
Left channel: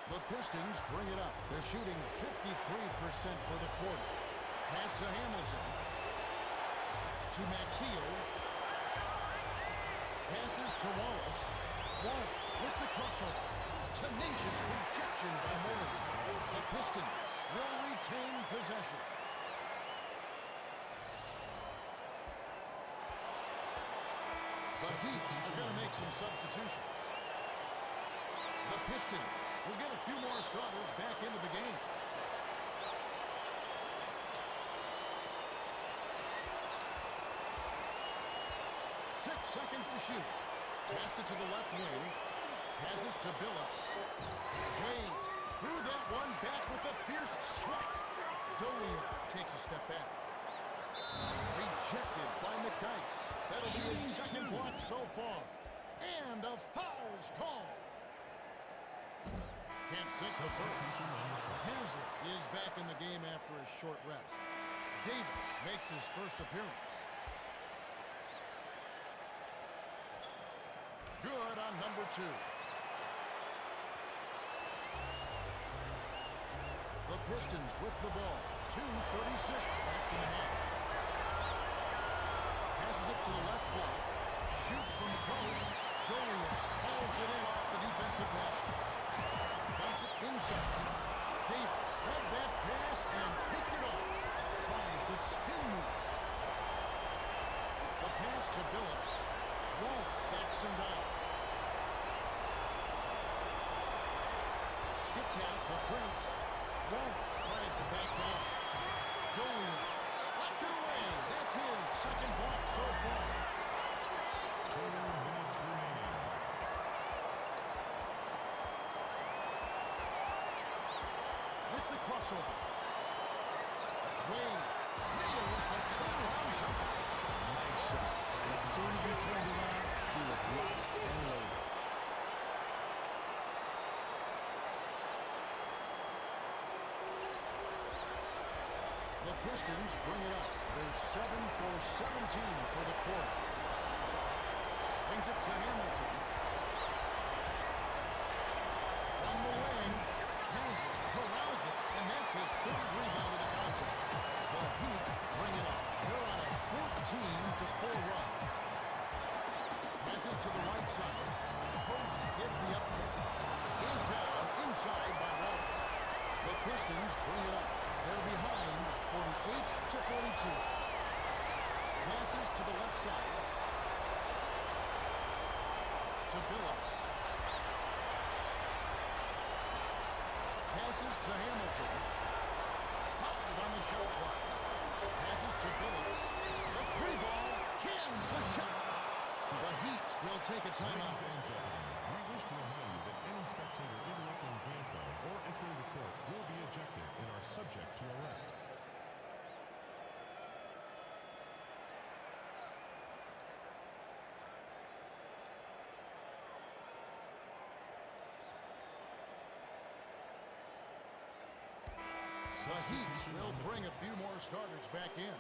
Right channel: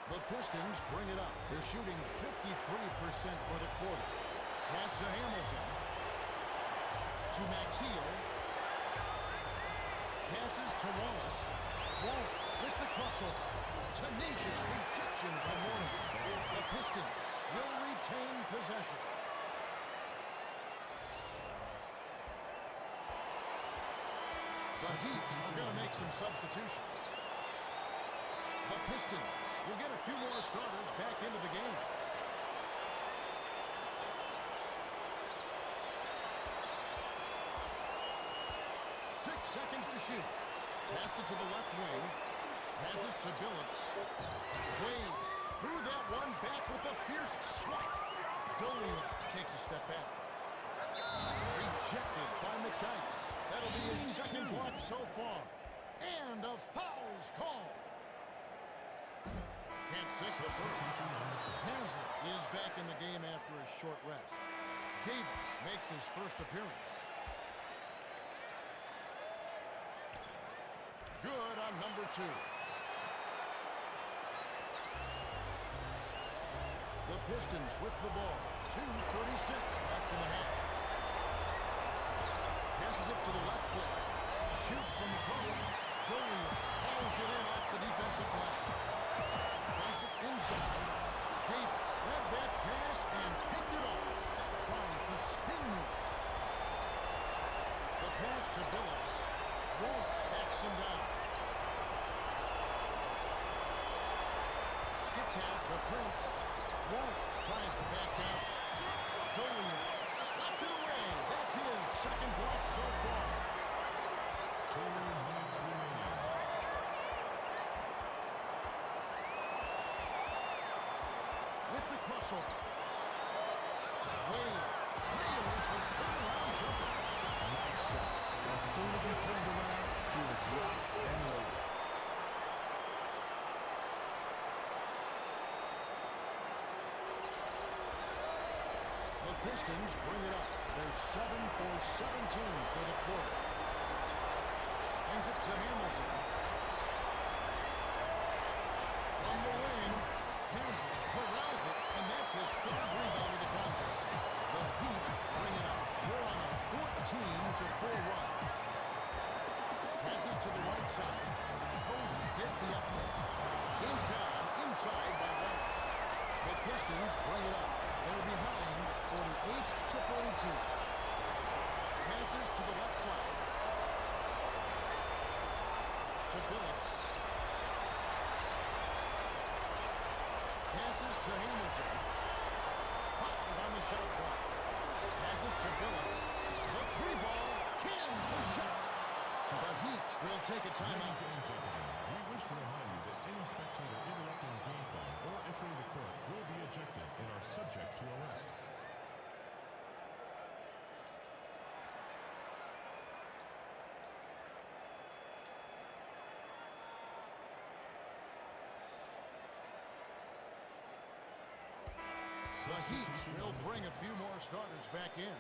The Pistons bring it up. They're shooting 53% for the quarter. Pass to Hamilton. To Maxiell. Passes to Wallace. Wallace with the crossover. Tenacious rejection by Mourning. The Pistons will retain possession. The Heat are going to make some substitutions. The Pistons will get a few more starters back into the game. Six seconds to shoot. Passed it to the left wing. Passes to Billups. Wade threw that one back with a fierce swat. Dolia takes a step back. Rejected by McDyess. That'll be his second block so far. And a foul's called. Can't sink the first. Haslett is back in the game after a short rest. Davis makes his first appearance. Good on number 2. The Pistons with the ball. 2:36 left in the half. Passes it to the left block. Shoots from the post. Dolia hauls it in off the defensive glass. Dumps it inside. Davis led that pass and picked it off. Tries the spin move. The pass to Billups. Wallace backs him down. Skip pass to Prince. Wallace tries to back down. Dolia slapped it away. That's his second block so far. With the crossover. Wade nails the turnaround jumper. Nice shot. As soon as he turned around, he was locked and loaded. The Pistons bring it up. They're 7 for 17 for the quarter. Swings it to Hamilton. From the wing, Haslem corrals it, and that's his third rebound of the contest. The Heat bring it up. They're on a 14-4 run. Passes to the right side. Posey gives the up pick. In down, inside by Wallace. The Pistons bring it up. They're behind 48-42. Passes to the left side. To Billups. Passes to Hamilton. 5 on the shot clock. Passes to Billups. The three ball cans the shot. The Heat will take a timeout. Ladies and gentlemen, we wish to remind you that any spectator interrupting the game flow or entering the court will be ejected and are subject to arrest. The Heat will bring a few more starters back in.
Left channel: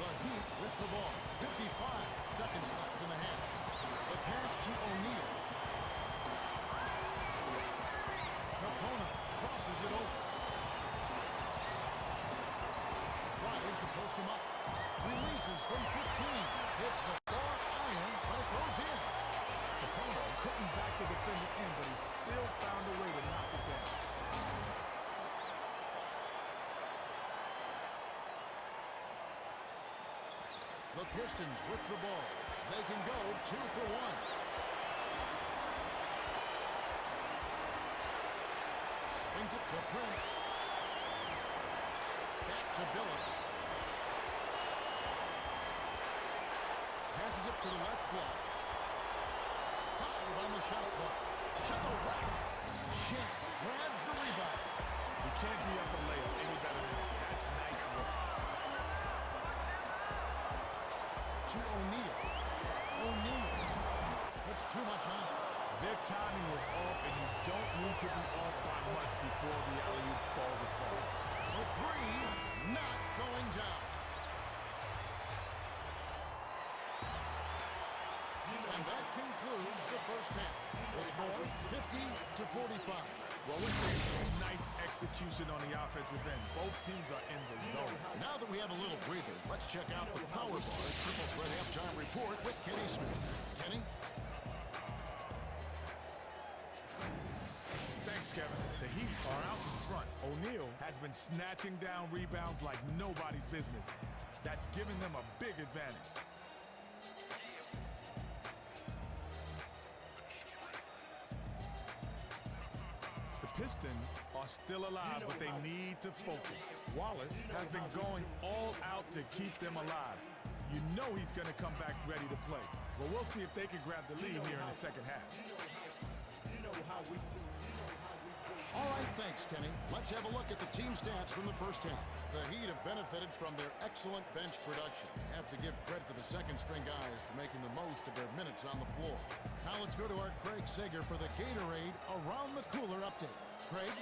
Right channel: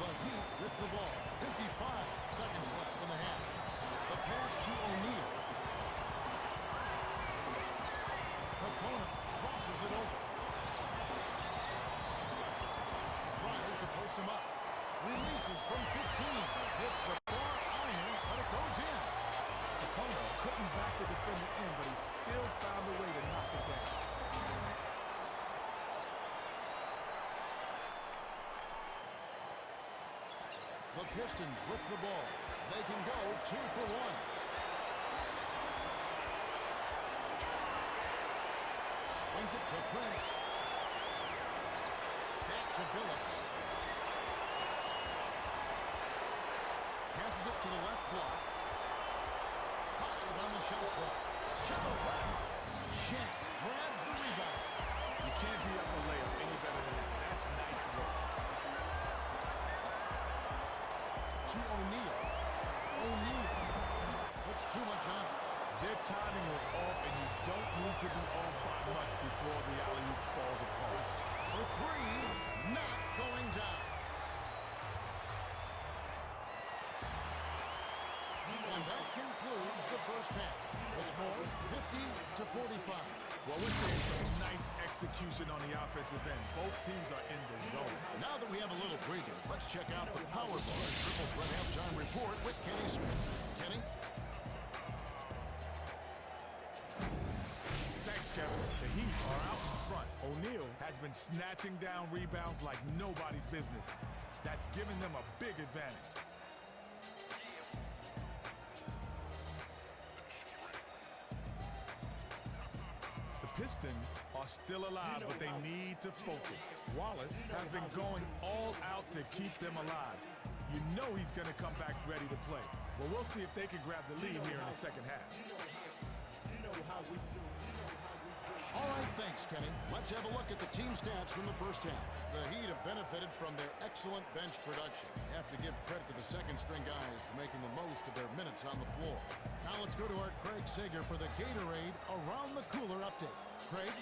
The Heat with the ball. 55 seconds left in the half. The pass to O'Neal. Capona crosses it over. Tries to post him up. Releases from 15. Hits the far iron, but it goes in. Capona couldn't back the defender in, but he still found a way to knock it down. The Pistons with the ball. They can go 2 for 1. Swings it to Prince. Back to Billups. Passes it to the left block. 5 on the shot clock. To the rack. Shaq grabs the rebound. You can't D up a layup any better than that. That's nice work. To O'Neal. O'Neal puts too much on it. Their timing was off, and you don't need to be off by much before the alley-oop falls apart. For 3, not going down. And that concludes the first half. The score, 50-45. Well, we're seeing some nice execution on the offensive end. Both teams are in the zone. Now that we have a little breather, let's check out the Power Bar Triple Threat Halftime Report with Kenny Smith. Kenny? Thanks, Kevin. The Heat are out in front. O'Neal has been snatching down rebounds like nobody's business. That's given them a big advantage. The Pistons are still alive, but they need to focus. Wallace has been going all out to keep them alive. You know he's going to come back ready to play. Well, we'll see if they can grab the lead here in the second half. All right, thanks, Kenny. Let's have a look at the team stats from the first half. The Heat have benefited from their excellent bench production. Have to give credit to the second-string guys for making the most of their minutes on the floor. Now let's go to our Craig Sager for the Gatorade Around the Cooler update. Craig?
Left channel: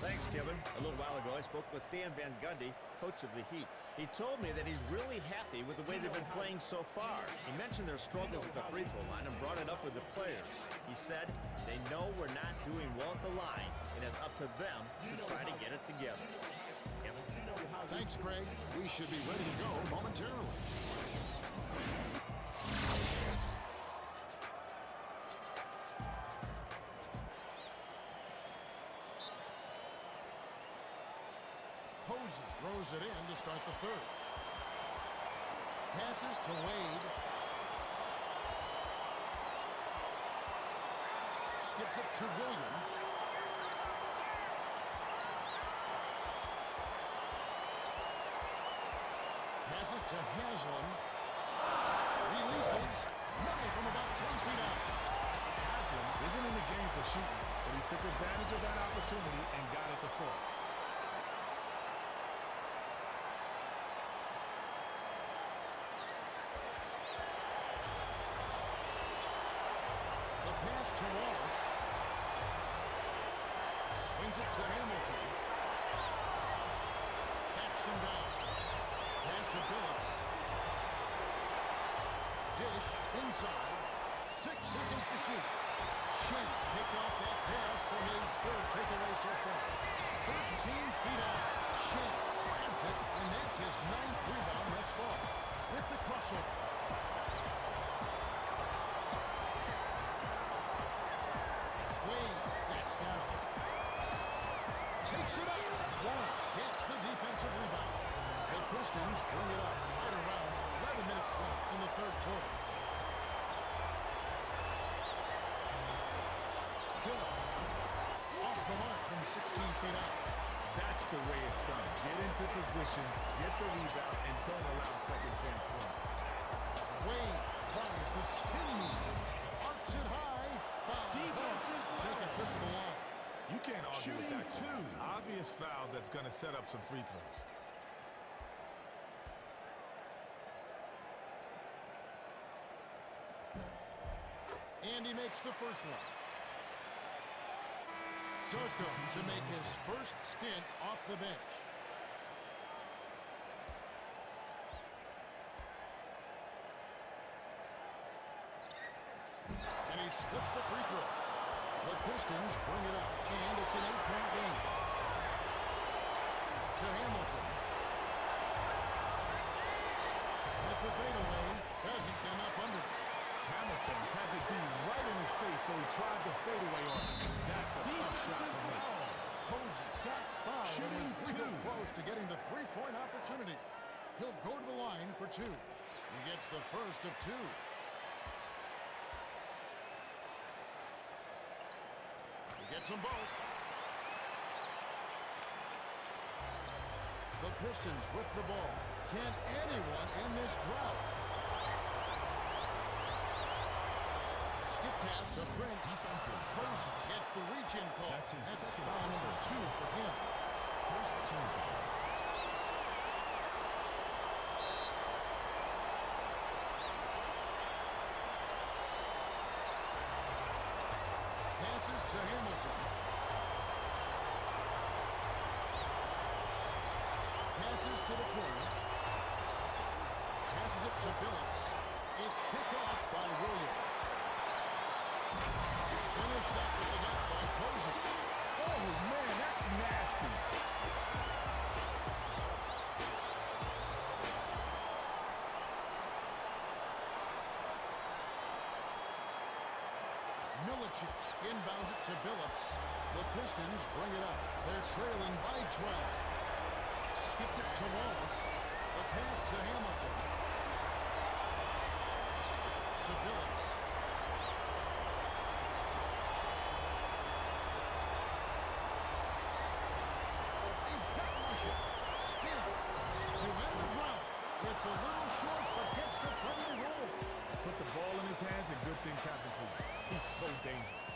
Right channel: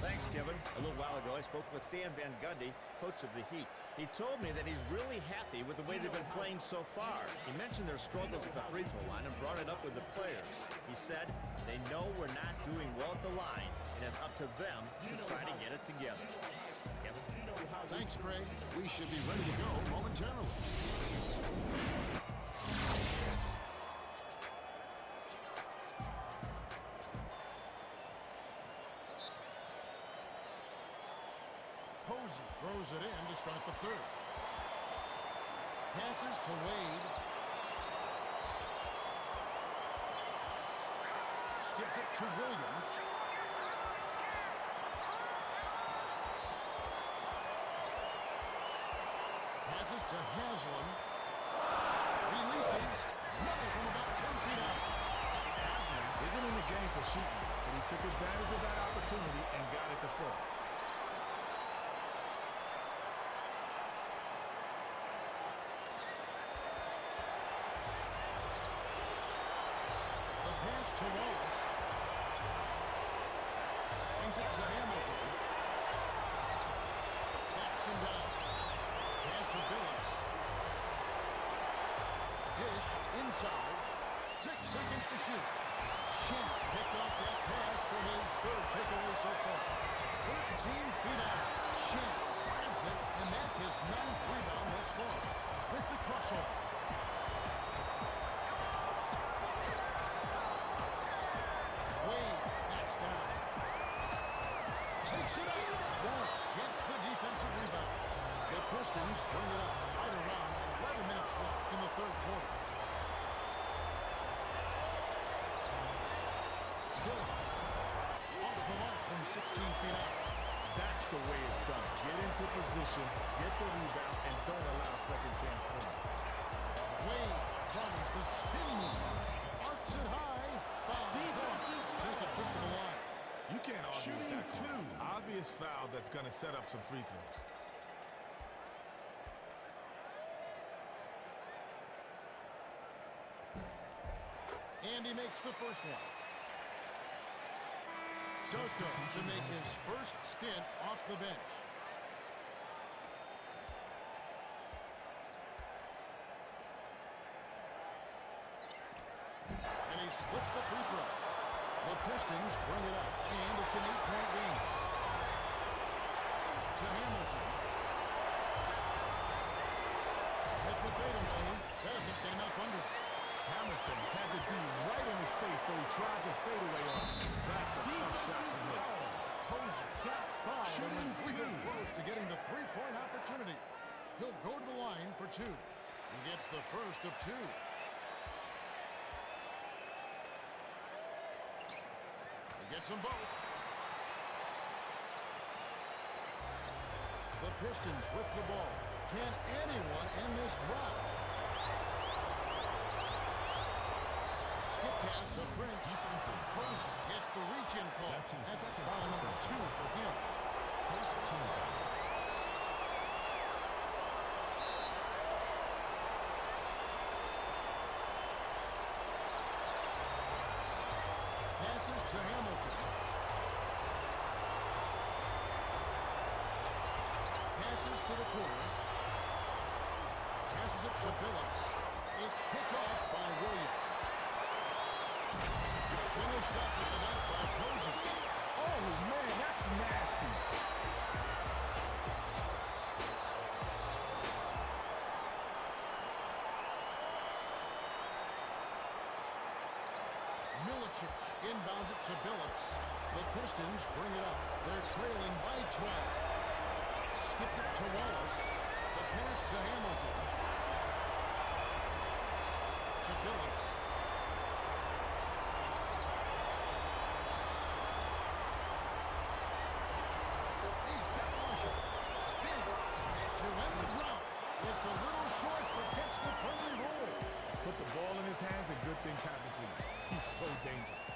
Thanks, Kevin. A little while ago, I spoke with Stan Van Gundy, coach of the Heat. He told me that he's really happy with the way they've been playing so far. He mentioned their struggles at the free throw line and brought it up with the players. He said they know we're not doing well at the line, and it's up to them to try to get it together. Kevin? Thanks, Craig. We should be ready to go momentarily. Posey throws it in to start the third. Passes to Wade. Skips it to Williams. Passes to Haslem. Releases. Money from about 10 feet out. Haslem isn't in the game for shooting, but he took advantage of that opportunity and got it to fall. pass to Wallace. Swings it to Hamilton. Backs him down. Pass to Billups. Dish inside. 6 seconds to shoot. Shen picked off that pass for his third takeaway so far. 13 feet out. Shen grabs it, and that's his 9th rebound thus far. With the crossover. Wade backs down. Takes it up. Wallace gets the defensive rebound. The Pistons bring it up right around 11 minutes left in the third quarter. Billups off the mark from 16 feet out. That's the way it's done. Get into position, get the rebound, and don't allow second chance points. Wade tries the spin move. Arcs it high. Foul. Take a trip to the line. You can't argue with that call. Obvious foul that's going to set up some free throws. And he makes the first one. Darko to make his first stint off the bench. And he splits the free throws. The Pistons bring it up, and it's an 8-point game. To Hamilton. With the fadeaway, doesn't get enough under it. Hamilton had the D right in his face, so he tried the fadeaway on him. That's a tough shot to make. Posey got fouled and was real close to getting the three-point opportunity. He'll go to the line for 2. He gets the first of 2. He gets them both. The Pistons with the ball. Can anyone end this drought? Skip pass to Prince. Posey gets the reach-in call. That's foul number 2 for him. Passes to Hamilton. Passes to the corner. Passes it to Billups. It's picked off by Williams. Finished up with the dunk by Posey. Oh, man, that's nasty. Milicic inbounds it to Billups. The Pistons bring it up. They're trailing by 12. Skipped it to Wallace. The pass to Hamilton. To Billups. They've got to rush it. Spins to end the drought. It's a little short, but gets the friendly roll. Put the ball in his hands and good things happen for you. He's so dangerous.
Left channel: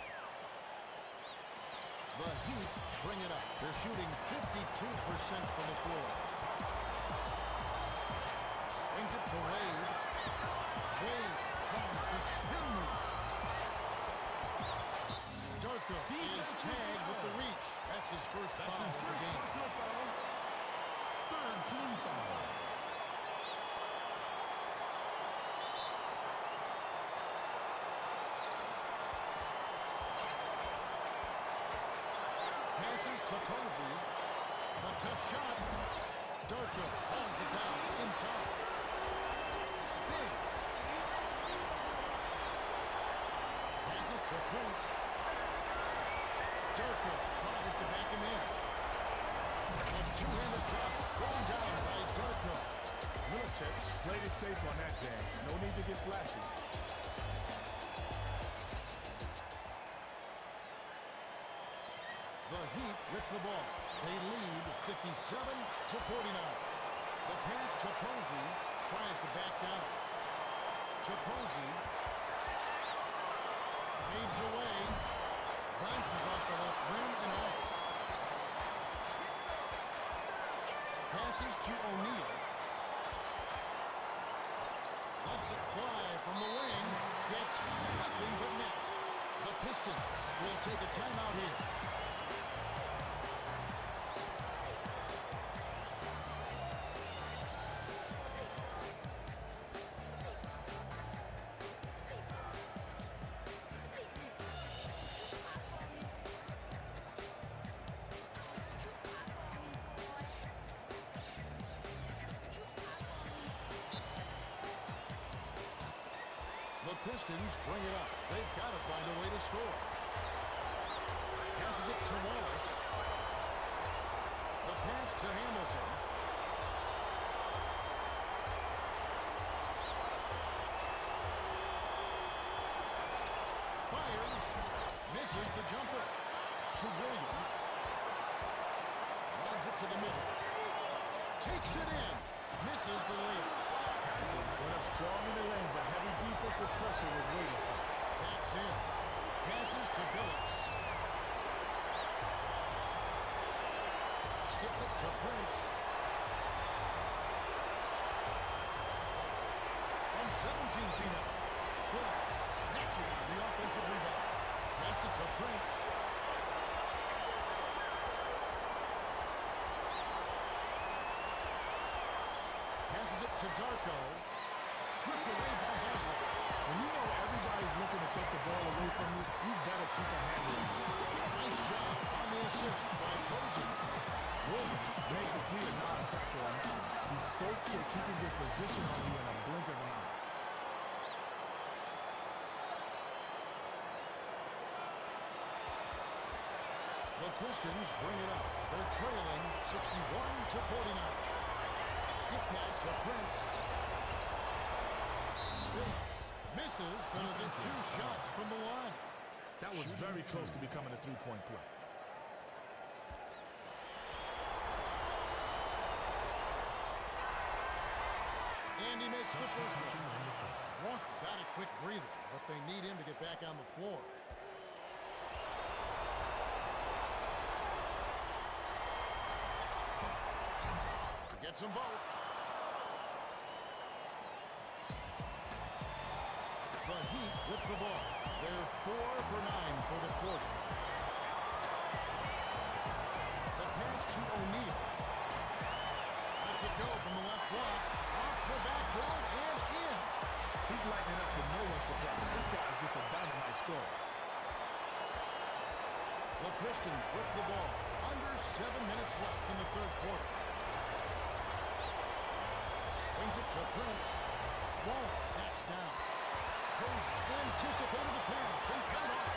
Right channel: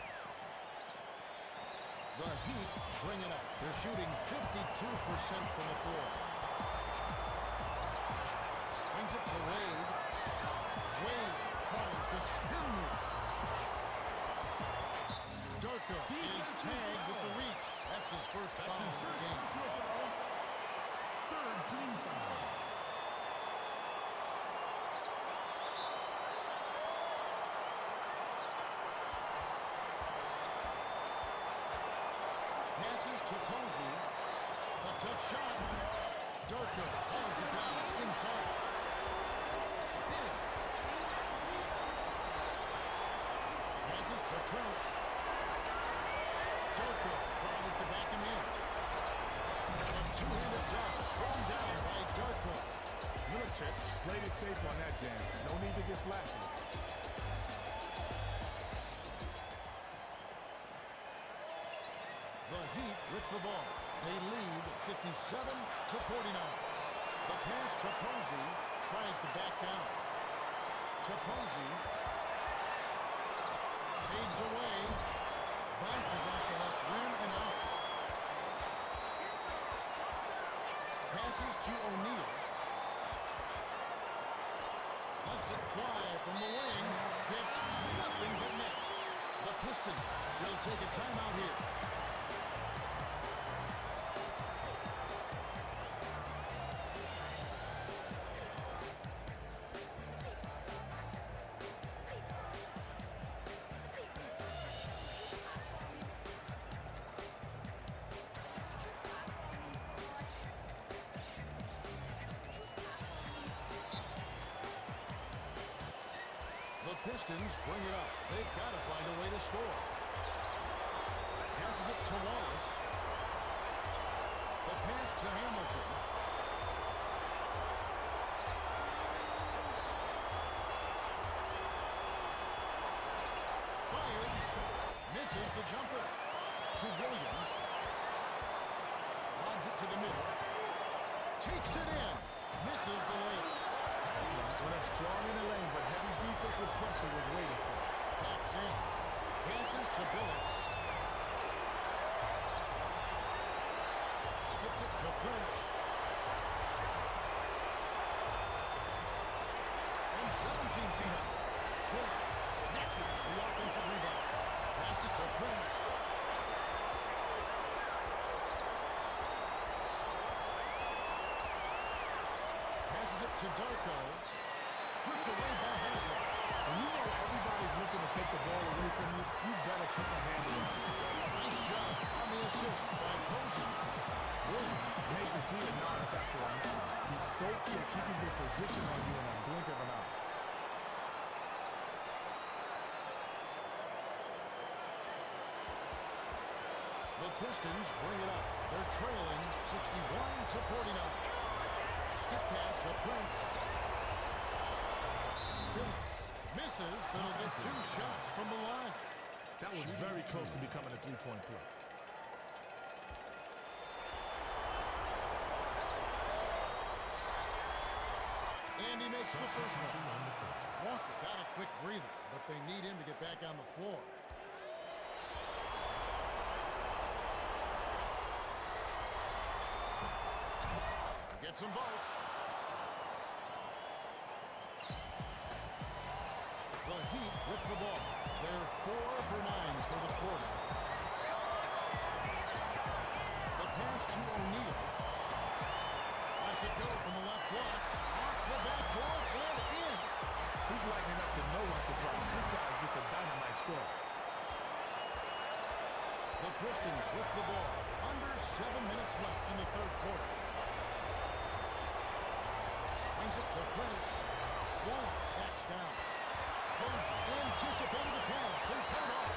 The Heat bring it up. They're shooting 52% from the floor. Swings it to Wade. Wade tries the spin move. Darko is tagged with the reach. That's his first foul of the game. Passes to Posey. The tough shot. Darko hauls it down inside. Spins. Passes to Prince. Darko tries to back him in. A two-handed dunk thrown down by Darko. Milicic played it safe on that jam. No need to get flashy. The Heat with the ball. They lead 57-49. The pass to Posey. Tries to back down. To Posey. Fades away. Bounces off the left rim and out. Passes to O'Neal. Lets it fly from the wing. Gets nothing but net. The Pistons will take a timeout here. The Pistons bring it up. They've got to find a way to score. Passes it to Wallace. The pass to Hamilton. Fires. Misses the jumper. To Williams. Lobs it to the middle. Takes it in. Misses the layup. Haslam went up strong in the lane, but heavy defensive pressure was waiting for him. Backs in. Passes to Billups. Skips it to Prince. From 17 feet out. Billups snatches the offensive rebound. Passed it to Prince. Passes it to Darko. Stripped away by Haslam. When you know everybody's looking to take the ball away from you, you better keep a handle on it. Nice job on the assist by Posey. Williams made the D a non-factor on that one. He's so quick, he can get position on you in a blink of an eye. The Pistons bring it up. They're trailing 61-49. Skip pass to Prince. Billups misses, but he'll get 2 shots from the line. That was very close to becoming a three-point play. And he makes the first one. Walker got a quick breather, but they need him to get back on the floor. Gets them both. The Heat with the ball. They're 4 for 9 for the quarter. The pass to O'Neal. Lets it go from the left block. Off the backboard and in. He's lighting it up to no one's surprise. This guy's just a dynamite scorer. The Pistons with the ball. Under 7 minutes left in the third quarter. Swings it to Prince. Wall sacks down. Posey anticipated the pass and cut it off.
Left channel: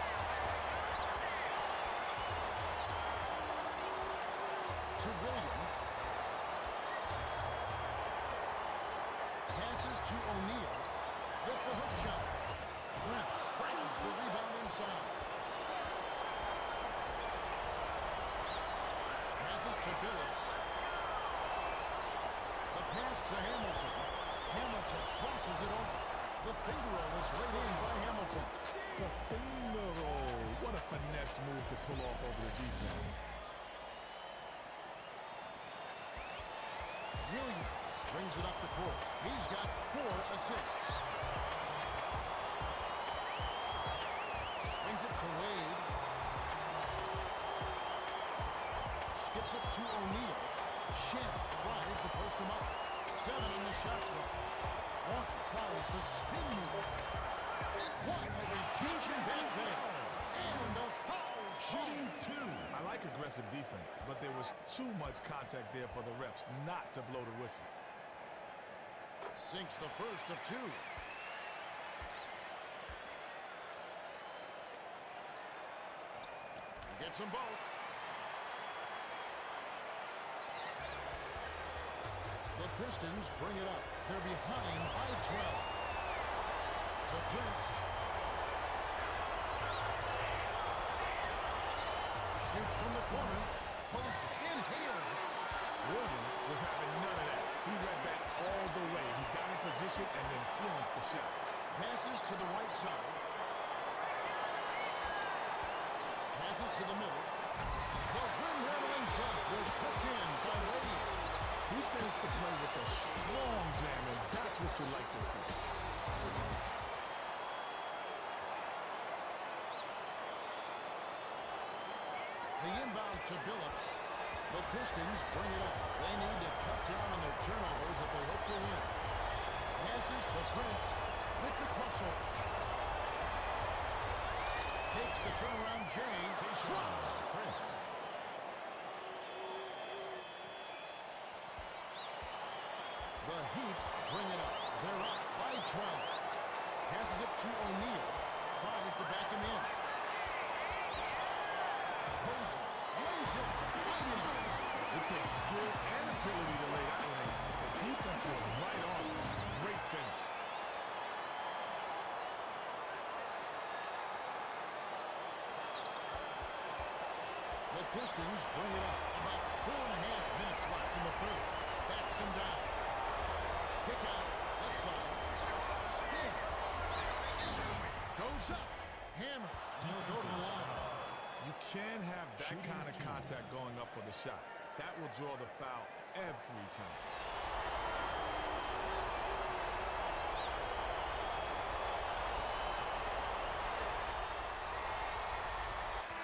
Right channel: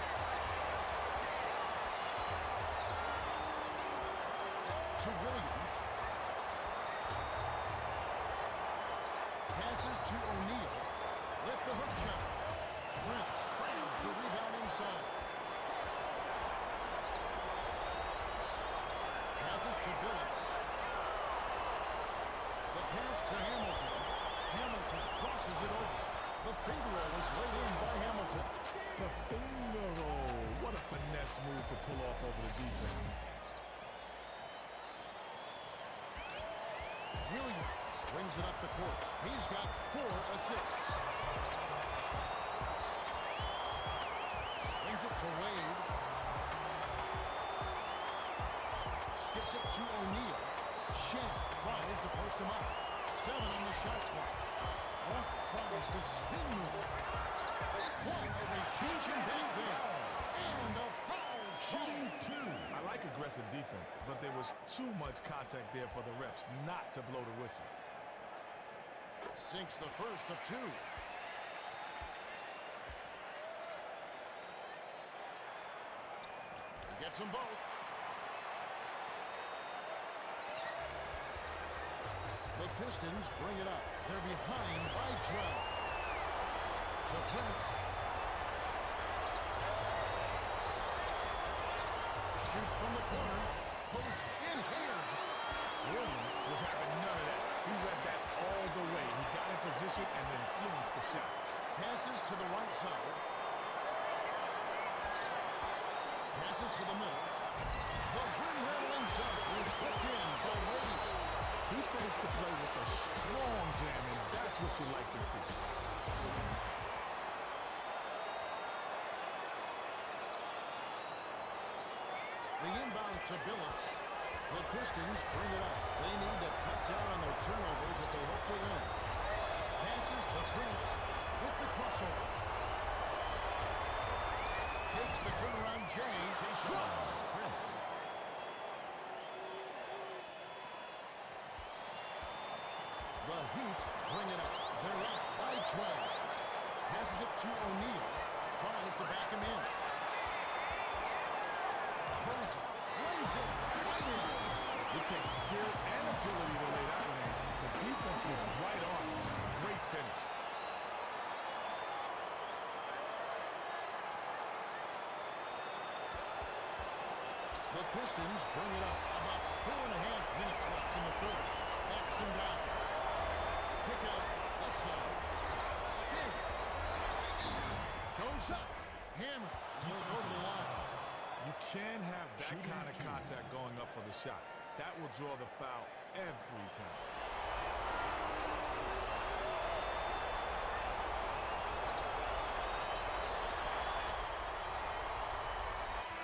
To Williams. Passes to O'Neal with the hook shot. Prince grabs the rebound inside. Passes to Billups. The pass to Hamilton. Hamilton crosses it over. The finger roll is laid in by Hamilton. The finger roll. What a finesse move to pull off over the defense. Williams brings it up the court. He's got 4 assists. Swings it to Wade. Skips it to O'Neal. Shan tries to post him up. 7 on the shot clock. Walker tries the spin move. What a rejection back there. And a foul's called. I like aggressive defense, but there was too much contact there for the refs not to blow the whistle. Sinks the first of 2. He gets them both. The Pistons bring it up. They're behind by 12. To Prince. Shoots from the corner. Posey inhales it. Williams was having none of that. He read that all the way. He got in position and influenced the shot. Passes to the right side. Passes to the middle. The rim-rattling dunk was ripped in by Wade. He finished the play with a strong jam, and that's what you like to see. The inbound to Billups. The Pistons bring it up. They need to cut down on their turnovers if they hope to win. Passes to Prince with the crossover. Takes the turnaround Jay. Drops. The Heat bring it up. They're up by 12. Passes it to O'Neal. Tries to back him in. Posey lays it right in. It takes skill and agility to lay that one in. The defense was right on. Great finish. The Pistons bring it up. About 4.5 minutes left in the third. Backs him down. Kick out left side. Spins. Goes up. Hammer. And he'll go to the line. You can't have that kind of contact going up for the shot. That will draw the foul every time.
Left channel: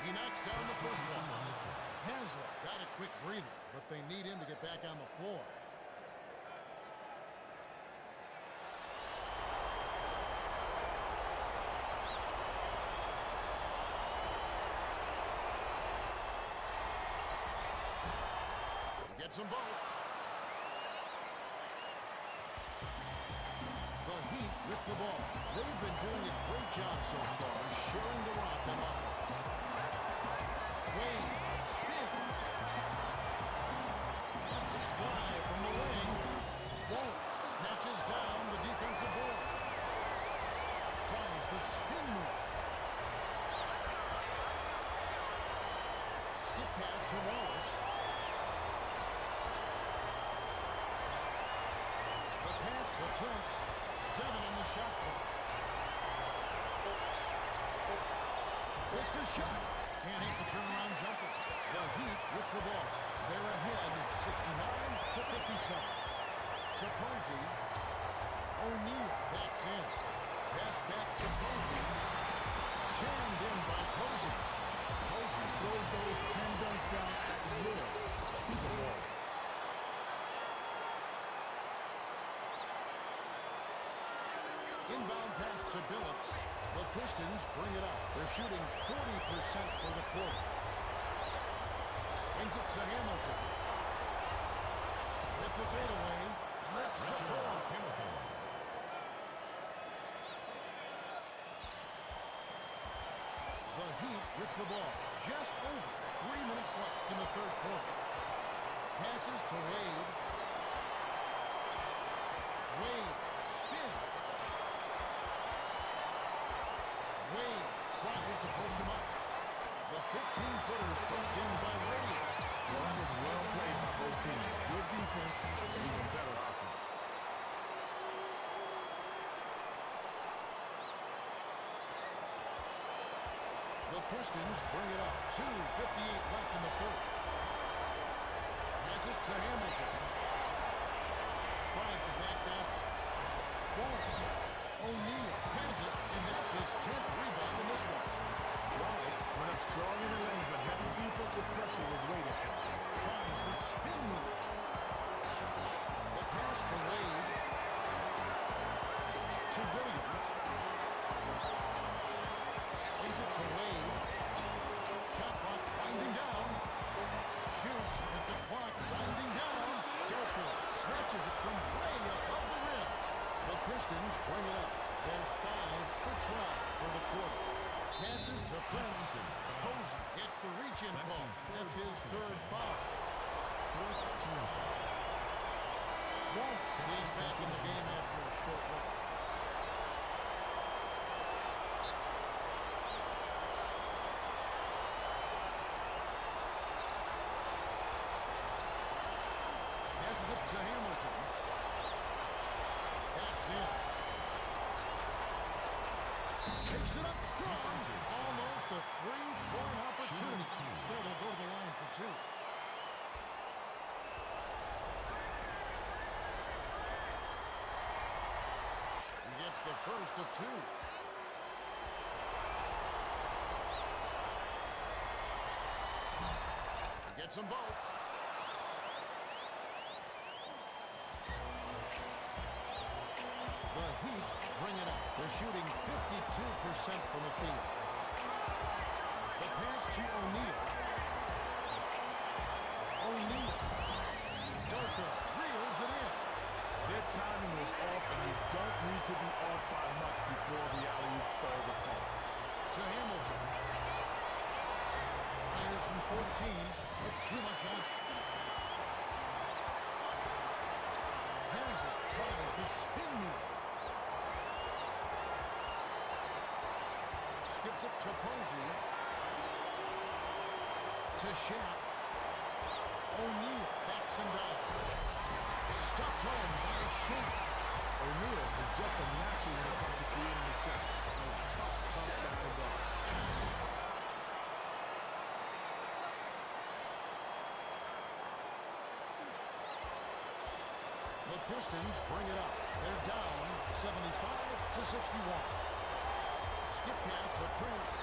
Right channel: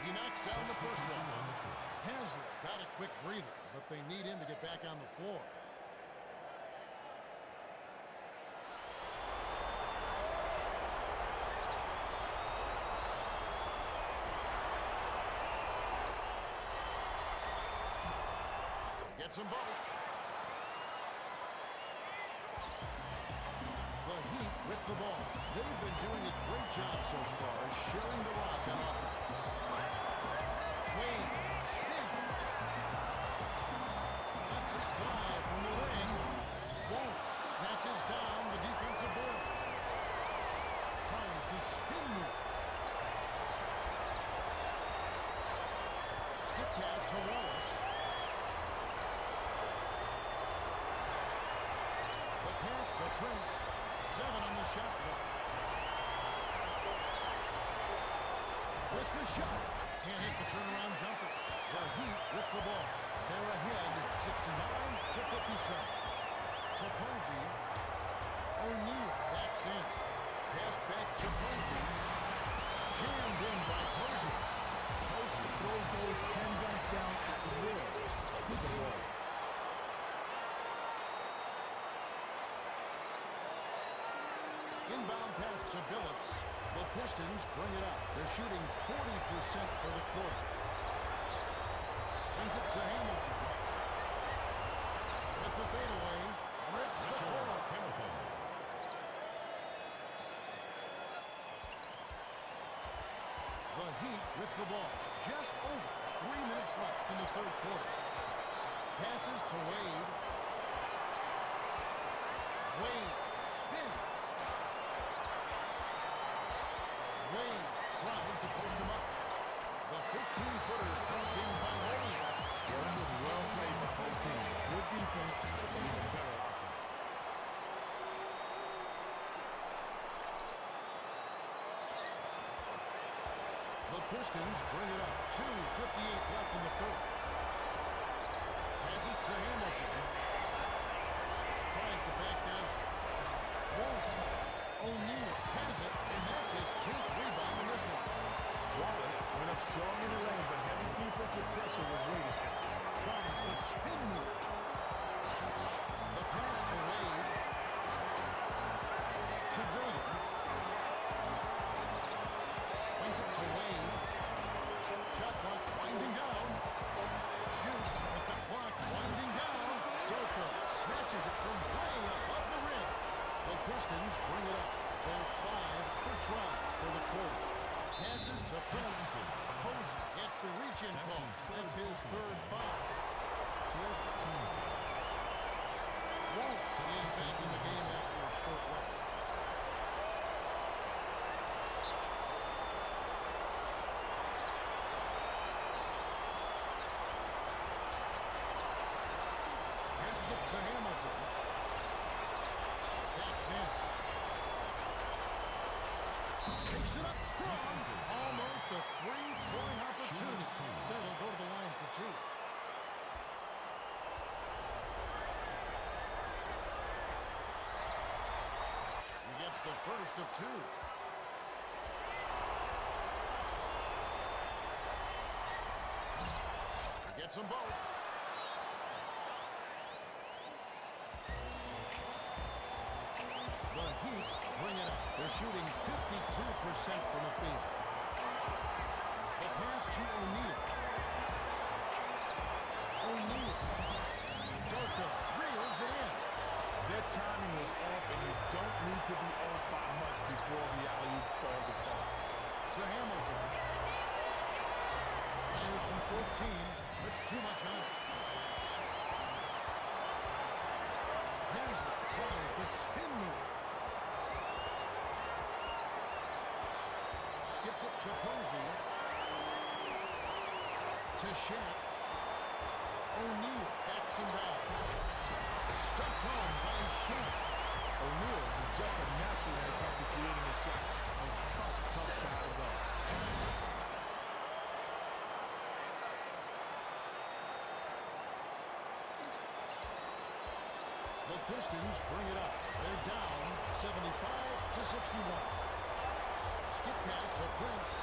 He knocks down the first one. Haslett got a quick breather, but they need him to get back on the floor. Gets them both. The Heat with the ball. They've been doing a great job so far sharing the rock on offense. Wade spins. Lets it fly from the wing. Won't. Snatches down the defensive board. Tries the spin move. Skip pass to Wallace. The pass to Prince. 7 on the shot clock. With the shot. Can't hit the turnaround jumper. The Heat with the ball. They're ahead 69-57. To Posey. O'Neal backs in. Passed back to Posey. Jammed in by Posey. Posey throws those 10 dunks down at will. He's a baller. Inbound pass to Billups. The Pistons bring it up. They're shooting 40% for the quarter. Swings it to Hamilton. With the fadeaway. Rips the core. The Heat with the ball. Just over 3 minutes left in the third quarter. Passes to Wade. Wade spins. Wade tries to post him up. The 15-footer dropped in by Wade. Well, that was well played by both teams. Good defense, even better offense. The Pistons bring it up. 2:58 left in the third. Passes to Hamilton. Tries to back down. Won't. O'Neal has it, and that's his 10th rebound in this one. Wallace went up strong in the lane, but heavy defensive pressure was waiting for him. Tries the spin move. The pass to Wade. To Williams. Swings it to Wade. Shot clock winding down. Shoots with the clock winding down. Doko snatches it from way above the rim. The Pistons bring it up. They're 5 for 12 for the quarter. Passes to Prince. Posey gets the reach-in call. That's his third foul. Waltz is back in the game after a short rest. Passes it to Hamilton. Backs in. Takes it up strong. Almost a three-point opportunity. Instead, he'll go to the line for 2. He gets the first of 2. Gets them both. The Heat bring it up. They're shooting 52% from the field. The pass to O'Neal. O'Neal. Darko reels it in. Their timing was off, and you don't need to be off by much before the alley-oop falls apart. To Hamilton. Fires from 14. Puts too much on it. Haslem tries the spin move. Skips it to Posey. To Shaq. O'Neal backs him down. Stuffed home by Shaq. O'Neal is just a natural when it comes to creating a shot. A tough guy to guard. The Pistons bring it up. They're down 75-61. Skip pass to Prince.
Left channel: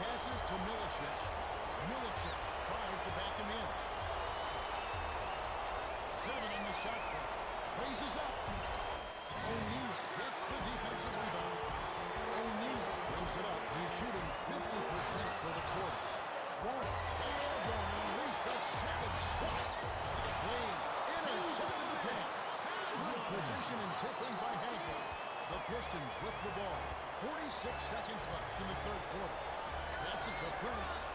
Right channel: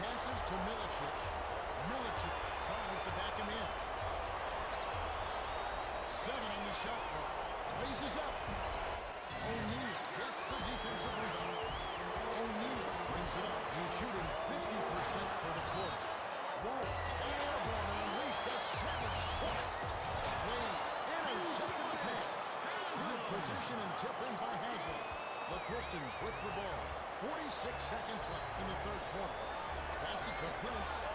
Passes to Milicic. Milicic tries to back him in. 7 on the shot clock. Raises up. O'Neal gets the defensive rebound. O'Neal brings it up. He's shooting 50% for the quarter. Wallace got airborne and unleashed a savage shot. Wade intercepted the pass. Good position and tip in by Haslem. The Pistons with the ball. 46 seconds left in the third quarter. Passed it to Prince.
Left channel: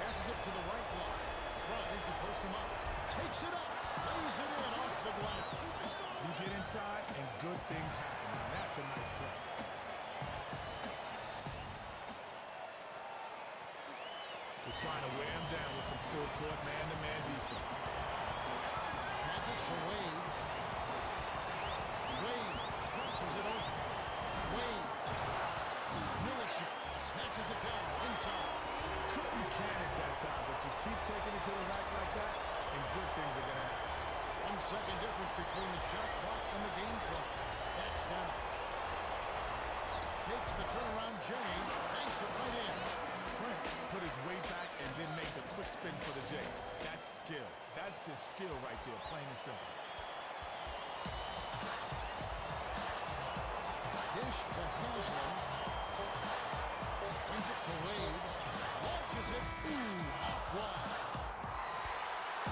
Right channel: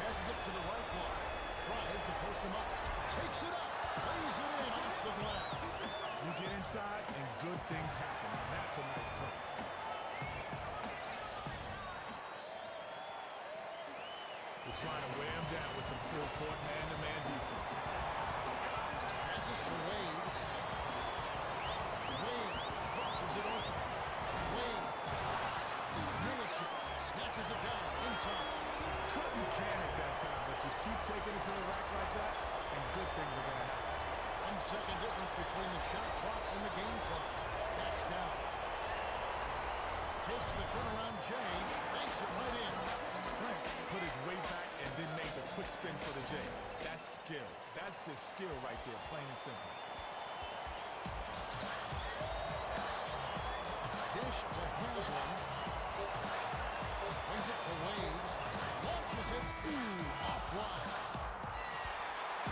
Passes it to the right block. Tries to post him up. Takes it up. Lays it in off the glass. You get inside, and good things happen. Now, that's a nice play. They're trying to wear him down with some full-court man-to-man defense. Passes to Wade. Wade crosses it over. Wade. Milicic snatches it down inside. Couldn't can it that time, but you keep taking it to the rack like that, and good things are going to happen. 1 second difference between the shot clock and the game clock. Backs down. Takes the turnaround J. Banks it right in. Prince put his weight back and then made the quick spin for the J. That's skill. That's just skill right there, plain and simple. Dish to Haslem. Swings it to Wade. Launches it. Ooh, offline.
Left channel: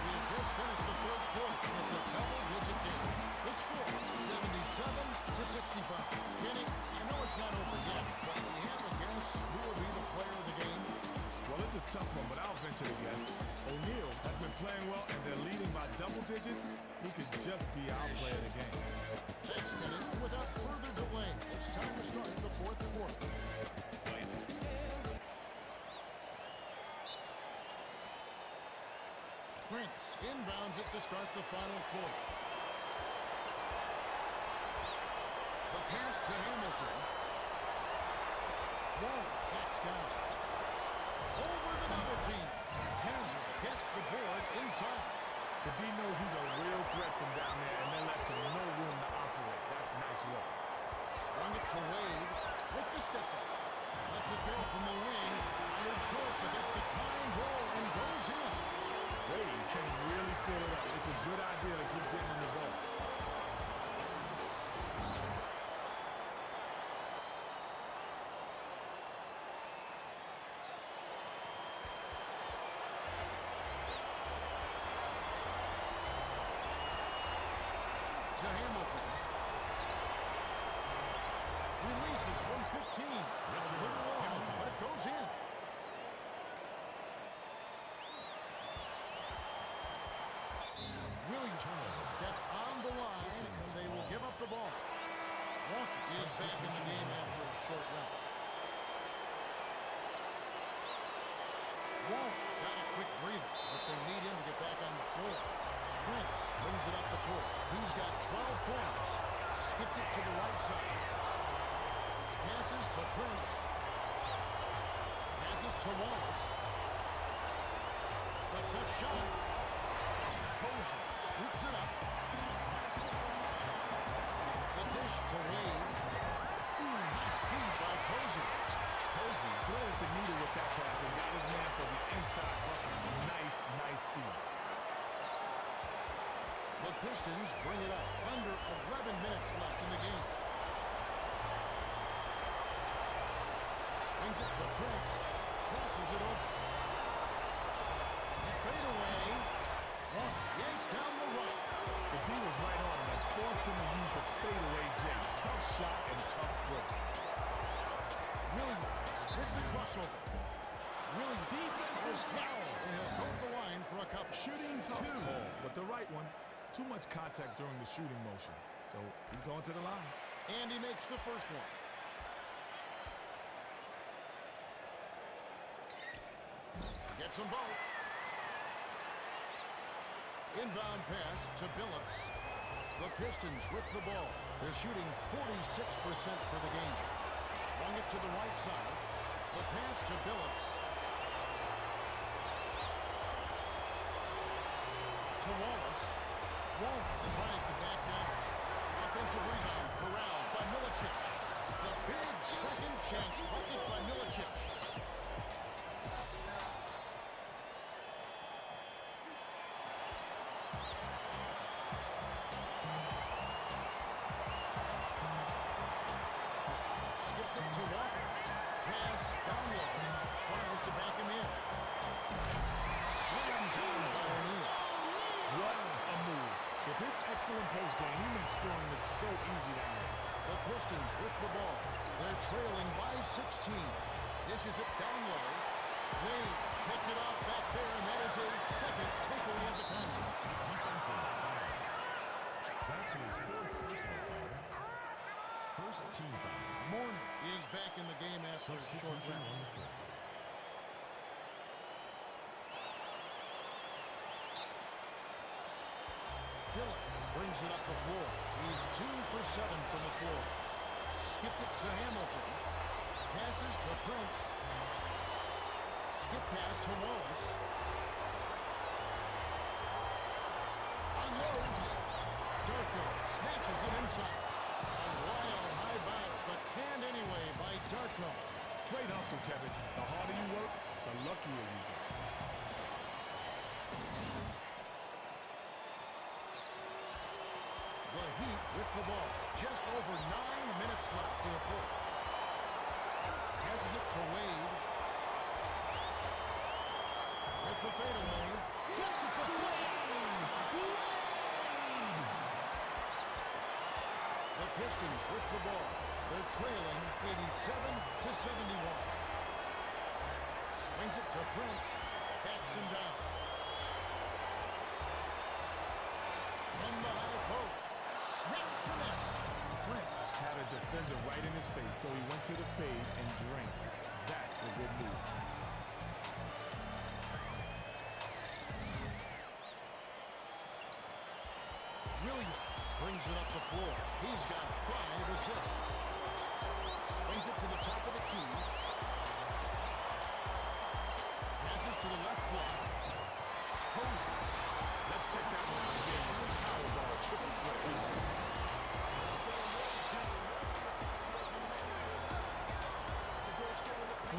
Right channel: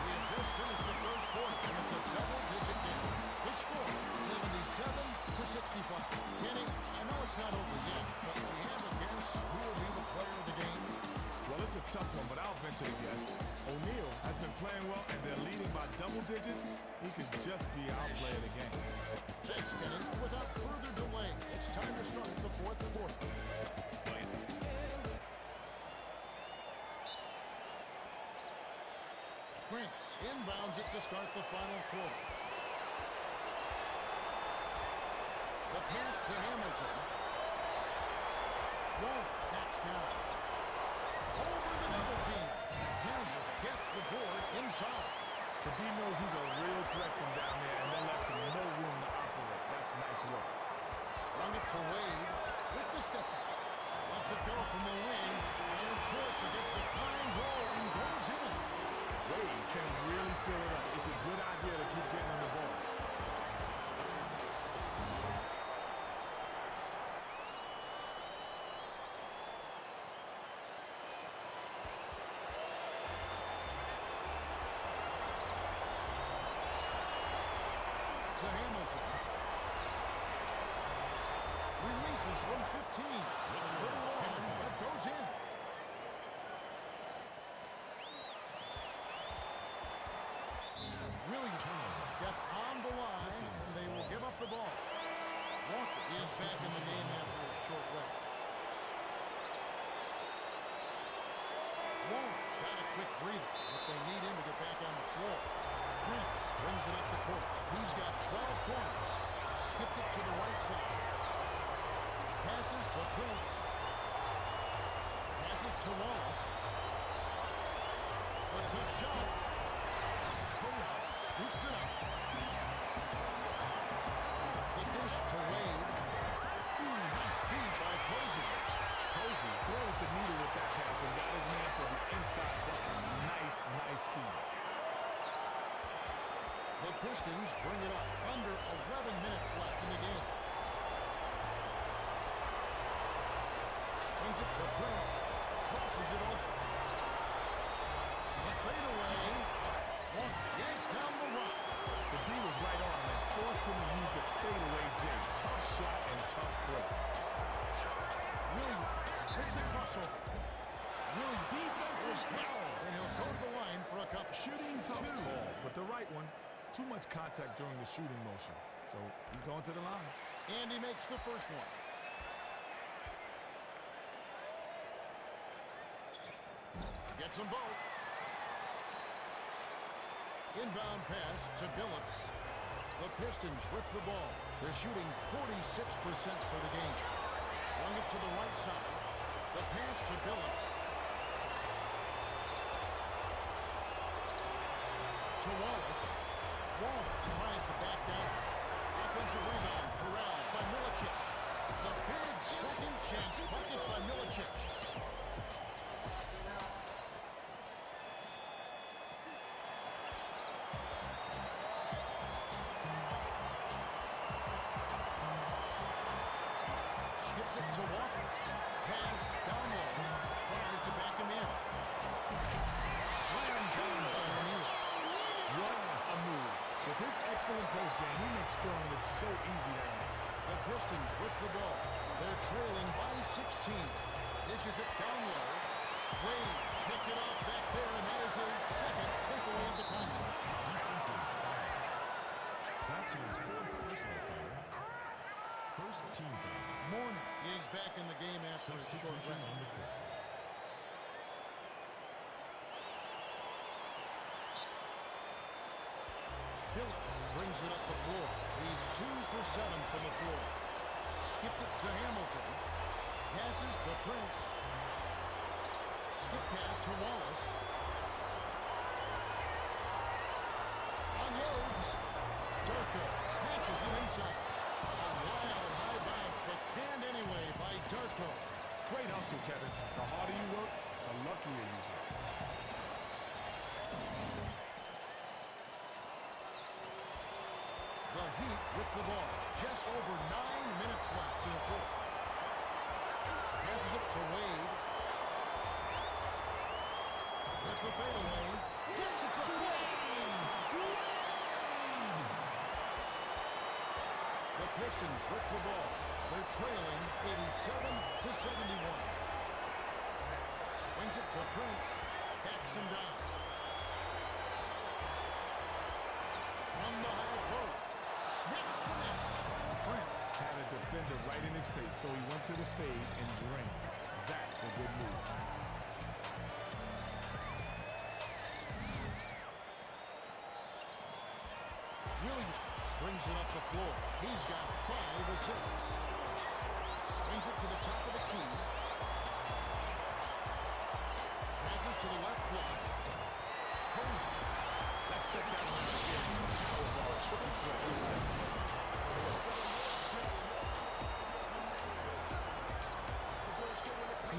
We have just finished the third quarter, and it's a double-digit game. The score, 77-65. Kenny, I know it's not over yet, but do you have a guess who will be the player of the game? Well, it's a tough one, but I'll venture to guess. O'Neal has been playing well, and they're leading by double digits. He could just be our player of the game. Thanks, Kenny. And without further delay, it's time to start the fourth quarter. Prince inbounds it to start the final quarter. The pass to Hamilton. Wallace hacks down. Over the double team. Haslem gets the board inside. The D knows he's a real threat from down there, and they left him no room to operate. That's nice work. Swung it to Wade with the step back. Lets it go from the wing. Fired short, but gets the kind roll and goes in. Wade can really fill it up. It's a good idea to keep getting him the ball. To Hamilton. Releases from 15. A little long, but it goes in. Williams step on the line, and they will give up the ball. Walker is back in the game after a short rest. Wallace got a quick breather, but they need him to get back on the floor. Prince brings it up the court. He's got 12 points. Skipped it to the right side. Passes to Prince. Passes to Wallace. The tough shot. Posey scoops it up. The dish to Wade. Ooh, nice feed by Posey. Posey threaded the needle with that pass and got his man for the inside bucket. Nice feed. The Pistons bring it up. Under 11 minutes left in the game. Swings it to Prince. Crosses it over. A fadeaway. Walker yanks down the rock. The D was right on him and forced him to use the fadeaway J. Tough shot and tough break. Williams with the crossover. Williams was hit, and he'll go to the line for a couple. Tough call, but the right one. Too much contact during the shooting motion. So he's going to the line. And he makes the first one. He gets them both. Inbound pass to Billups. The Pistons with the ball. They're shooting 46% for the game. Swung it to the right side. The pass to Billups. To Wallace. Wallace tries to back down. Offensive rebound corralled by Milicic. The big second chance bucket by Milicic. Skips it to Walker. Pass down low. Tries to back him in. Slammed down by O'Neal. What a move. With his excellent post game, he makes scoring look so easy down there. The Pistons with the ball. They're trailing by 16. Dishes it down low. Wade picked it off back there, and that is his second takeaway of the contest. That's his fourth personal foul. First team foul. Mourning is back in the game after a short rest. Billups brings it up the floor. He's 2 for 7 from the floor. Skipped it to Hamilton. Passes to Prince. Skip pass to Wallace. Unloads. Darko snatches it inside. A wild high bounce, but canned anyway by Darko. Great hustle, Kevin. The harder you work, the luckier you get. The Heat with the ball. Just over 9 minutes left in the fourth. Passes it to Wade. With the fadeaway. Gets it to fall. The Pistons with the ball. They're trailing 87-71. Swings it to Prince. Backs him down. From the high post. Snaps the net. Prince had a defender right in his face, so he went to the fade and drained it. That's a good move. Williams brings it up the floor. He's got 5 assists. Swings it to the top of the key. Passes to the left block. Posey. Let's check that one out again with the power bar triple threat replay.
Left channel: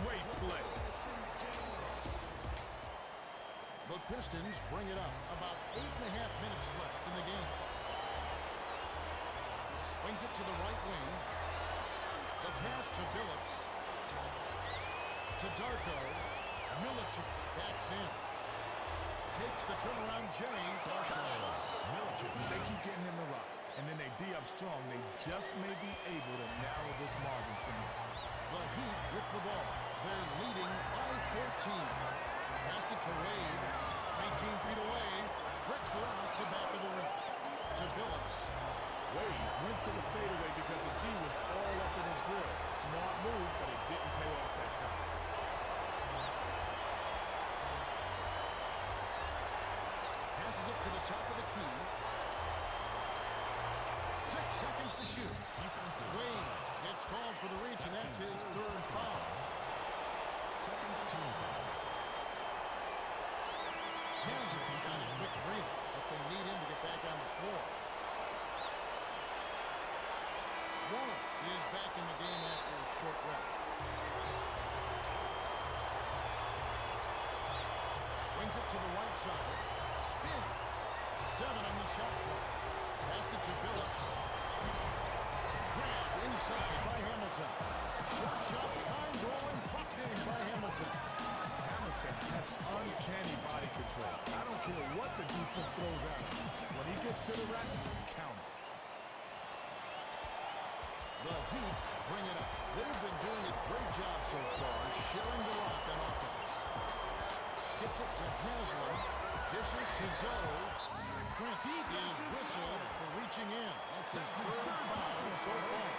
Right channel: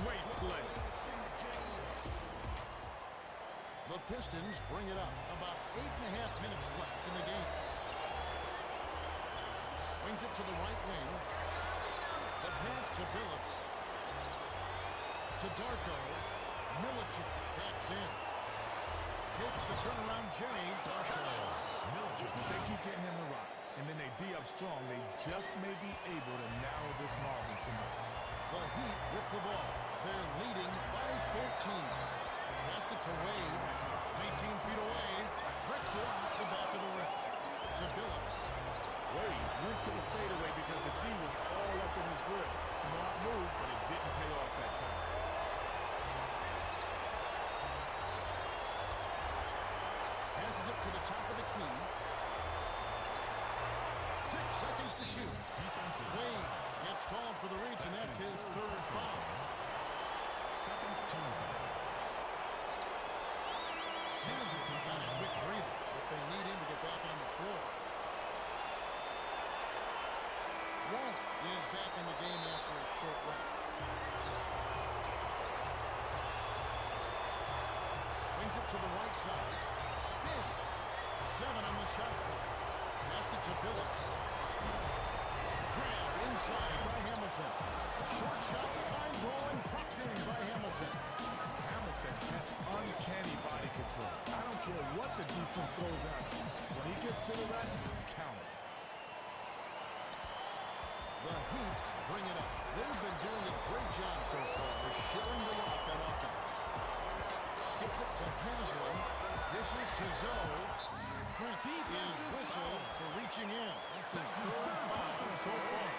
Great play. The Pistons bring it up. About 8.5 minutes left in the game. Swings it to the right wing. The pass to Billups. To Darko. Milicic backs in. Takes the turnaround J. Connects. If they keep getting him the rock, and then they D up strong, they just may be able to narrow this margin some more. The Heat with the ball. They're leading by 14. Passed it to Wade. 19 feet away. Bricks it off the back of the rim. To Billups. Wade went to the fadeaway because the D was all up in his grill. Smart move, but it didn't pay off that time. Passes it to the top of the key. 6 seconds to shoot. Wade gets called for the reach, and that's his third foul. Second team foul. Haslem got a quick breather, but they need him to get back on the floor. Wallace is back in the game after a short rest. Swings it to the right side. Spins. 7 on the shot clock. Passed it to Billups. Grabbed inside by Hamilton. Short shot, kind roll, and dropped in by Hamilton. Hamilton has uncanny body control. I don't care what the defense throws at him. When he gets to the rack, count it. The Heat bring it up. They've been doing a great job so far, sharing the rock on offense. Skips it to Haslam. Dishes to Zoe. Prince is whistled for reaching in. That's his 3rd foul so far.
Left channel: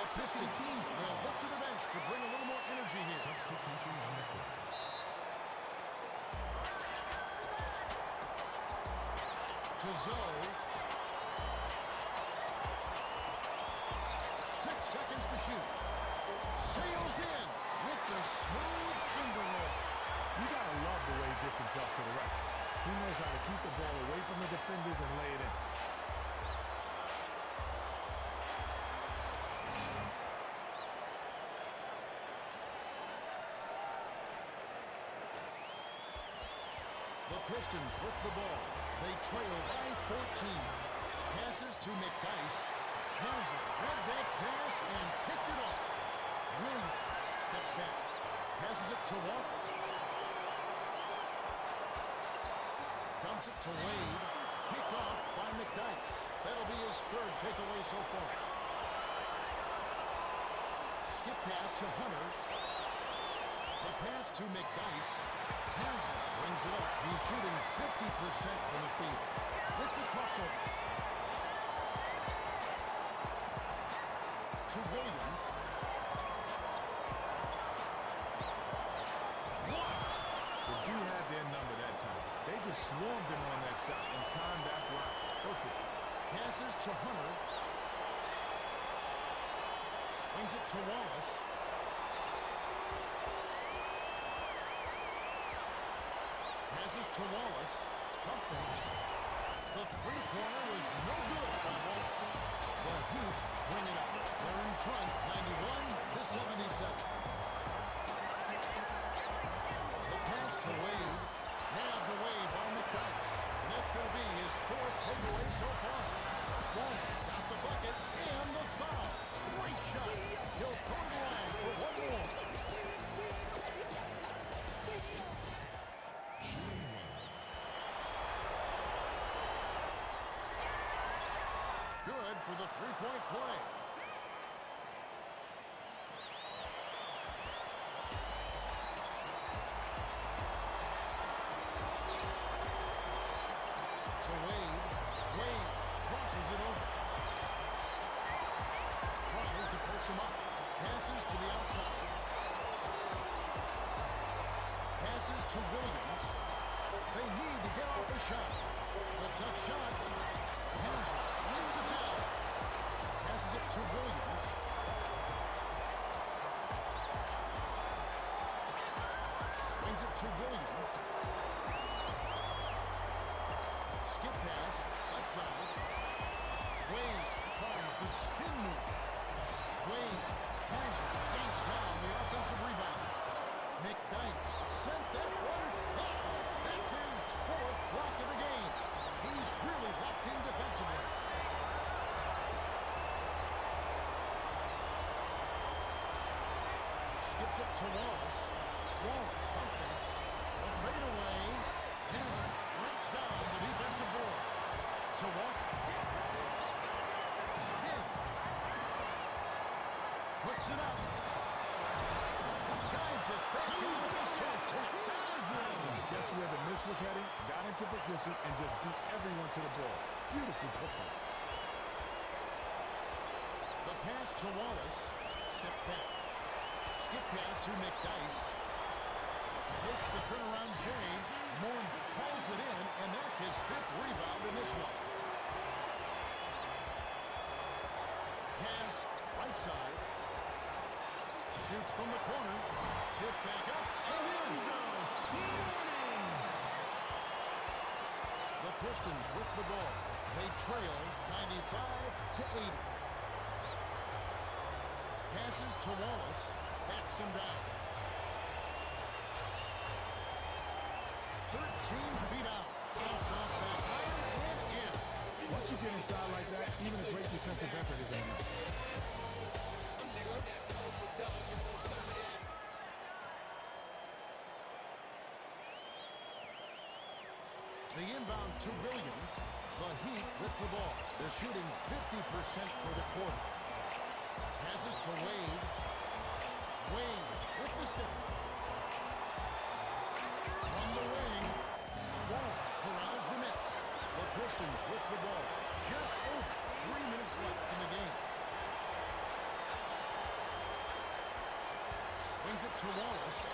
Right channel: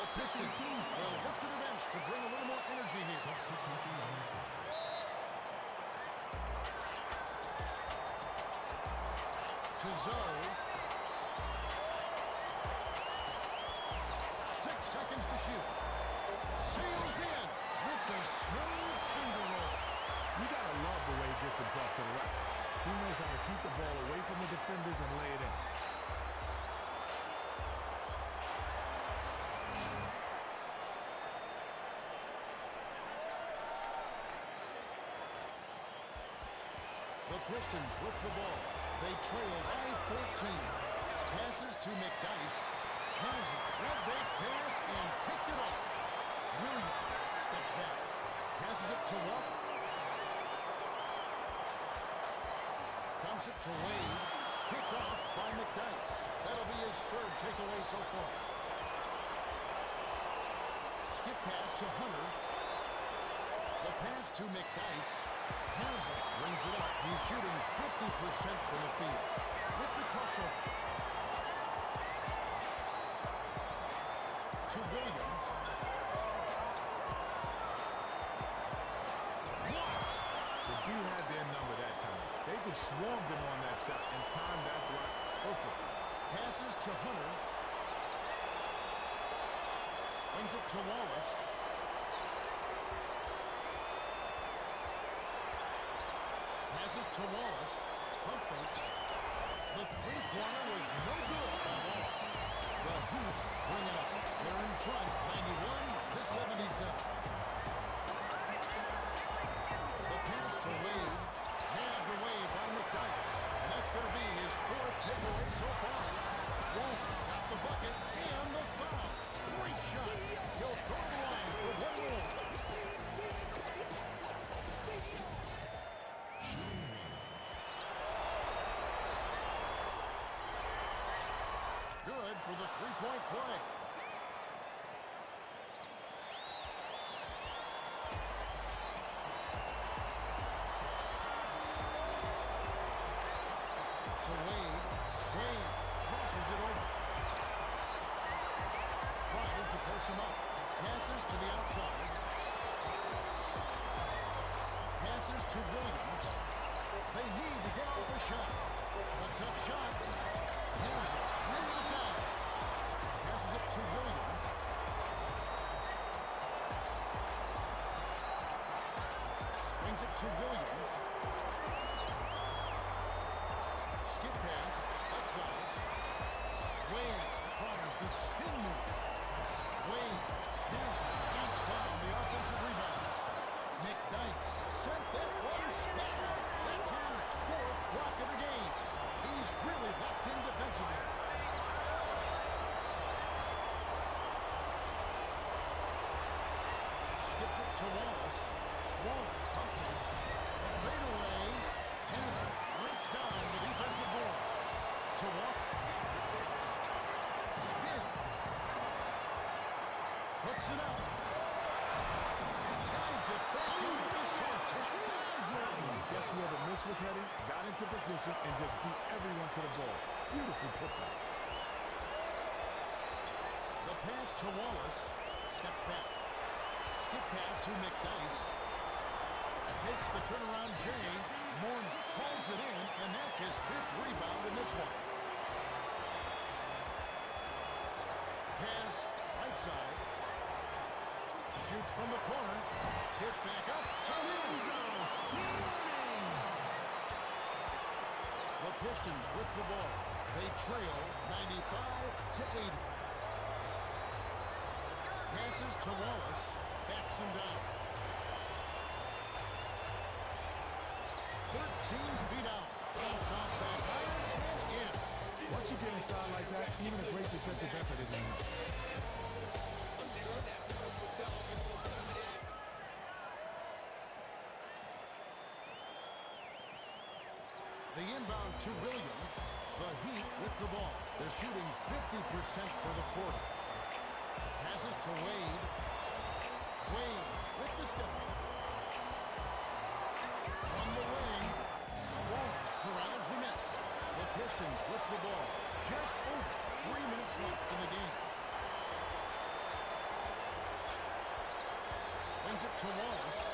The Pistons will look to the bench to bring a little more energy here. Substitution on the court. To Zoe. 6 seconds to shoot. Sails in with the smooth finger roll. You gotta love the way he gets himself to the rack. He knows how to keep the ball away from the defenders and lay it in. The Pistons with the ball. They trail by 14. Passes to McDyess. Haslam read that pass and picked it off. Williams steps back. Passes it to Walker. Dumps it to Wade. Picked off by McDyess. That'll be his 3rd takeaway so far. Skip pass to Hunter. The pass to McDyess. Haslam brings it up. He's shooting 50% from the field. With the crossover. To Williams. Blocked. The D had their number that time. They just swarmed him on that shot and timed that block perfectly. Passes to Hunter. Swings it to Wallace. Passes to Wallace. Pump fakes. The three-pointer was no good by Wallace. The Heat bring it up. They're in front, 91-77. The pass to Wade. Nabbed away by McDyess. And that's going to be his 4th takeaway so far. Wallace got the bucket and the foul. Great shot. He'll go to the line for one more. Good for the three-point play. To Wade. Wade crosses it over. Tries to post him up. Passes to the outside. Passes to Williams. They need to get off a shot. The tough shot. Haslam rips it down. Passes it to Williams. Swings it to Williams. Skip pass, left side. Wade tries the spin move. Wade, Haslam yanks down the offensive rebound. McDyess sent that one down. That's his 4th block of the game. He's really locked in defensively. Skips it to Wallace. Wallace pump fakes. A fadeaway. Haslam rips down the defensive board. To Walker. Spins. Puts it up. Guides it back in with the soft tap. Haslam, guess where the miss was heading? Got into position and just beat everyone to the ball. Beautiful putback. The pass to Wallace. Steps back. Skip pass to McDyess. Takes the turnaround Jay. Mourning holds it in, and that's his 5th rebound in this one. Pass, right side. Shoots from the corner. Tip back up and in. The Pistons with the ball. They trail 95-80. Passes to Wallace. Backs him down. feet out. Bounced off back iron and in. Once you get inside like that, even a great defensive effort isn't enough. The inbound to Williams. The Heat with the ball. They're shooting 50% for the quarter. Passes to Wade. Wade with the step back. From the wing, Wallace corrals the miss. The Pistons with the ball. Just over 3 minutes left in the game. Swings it to Wallace.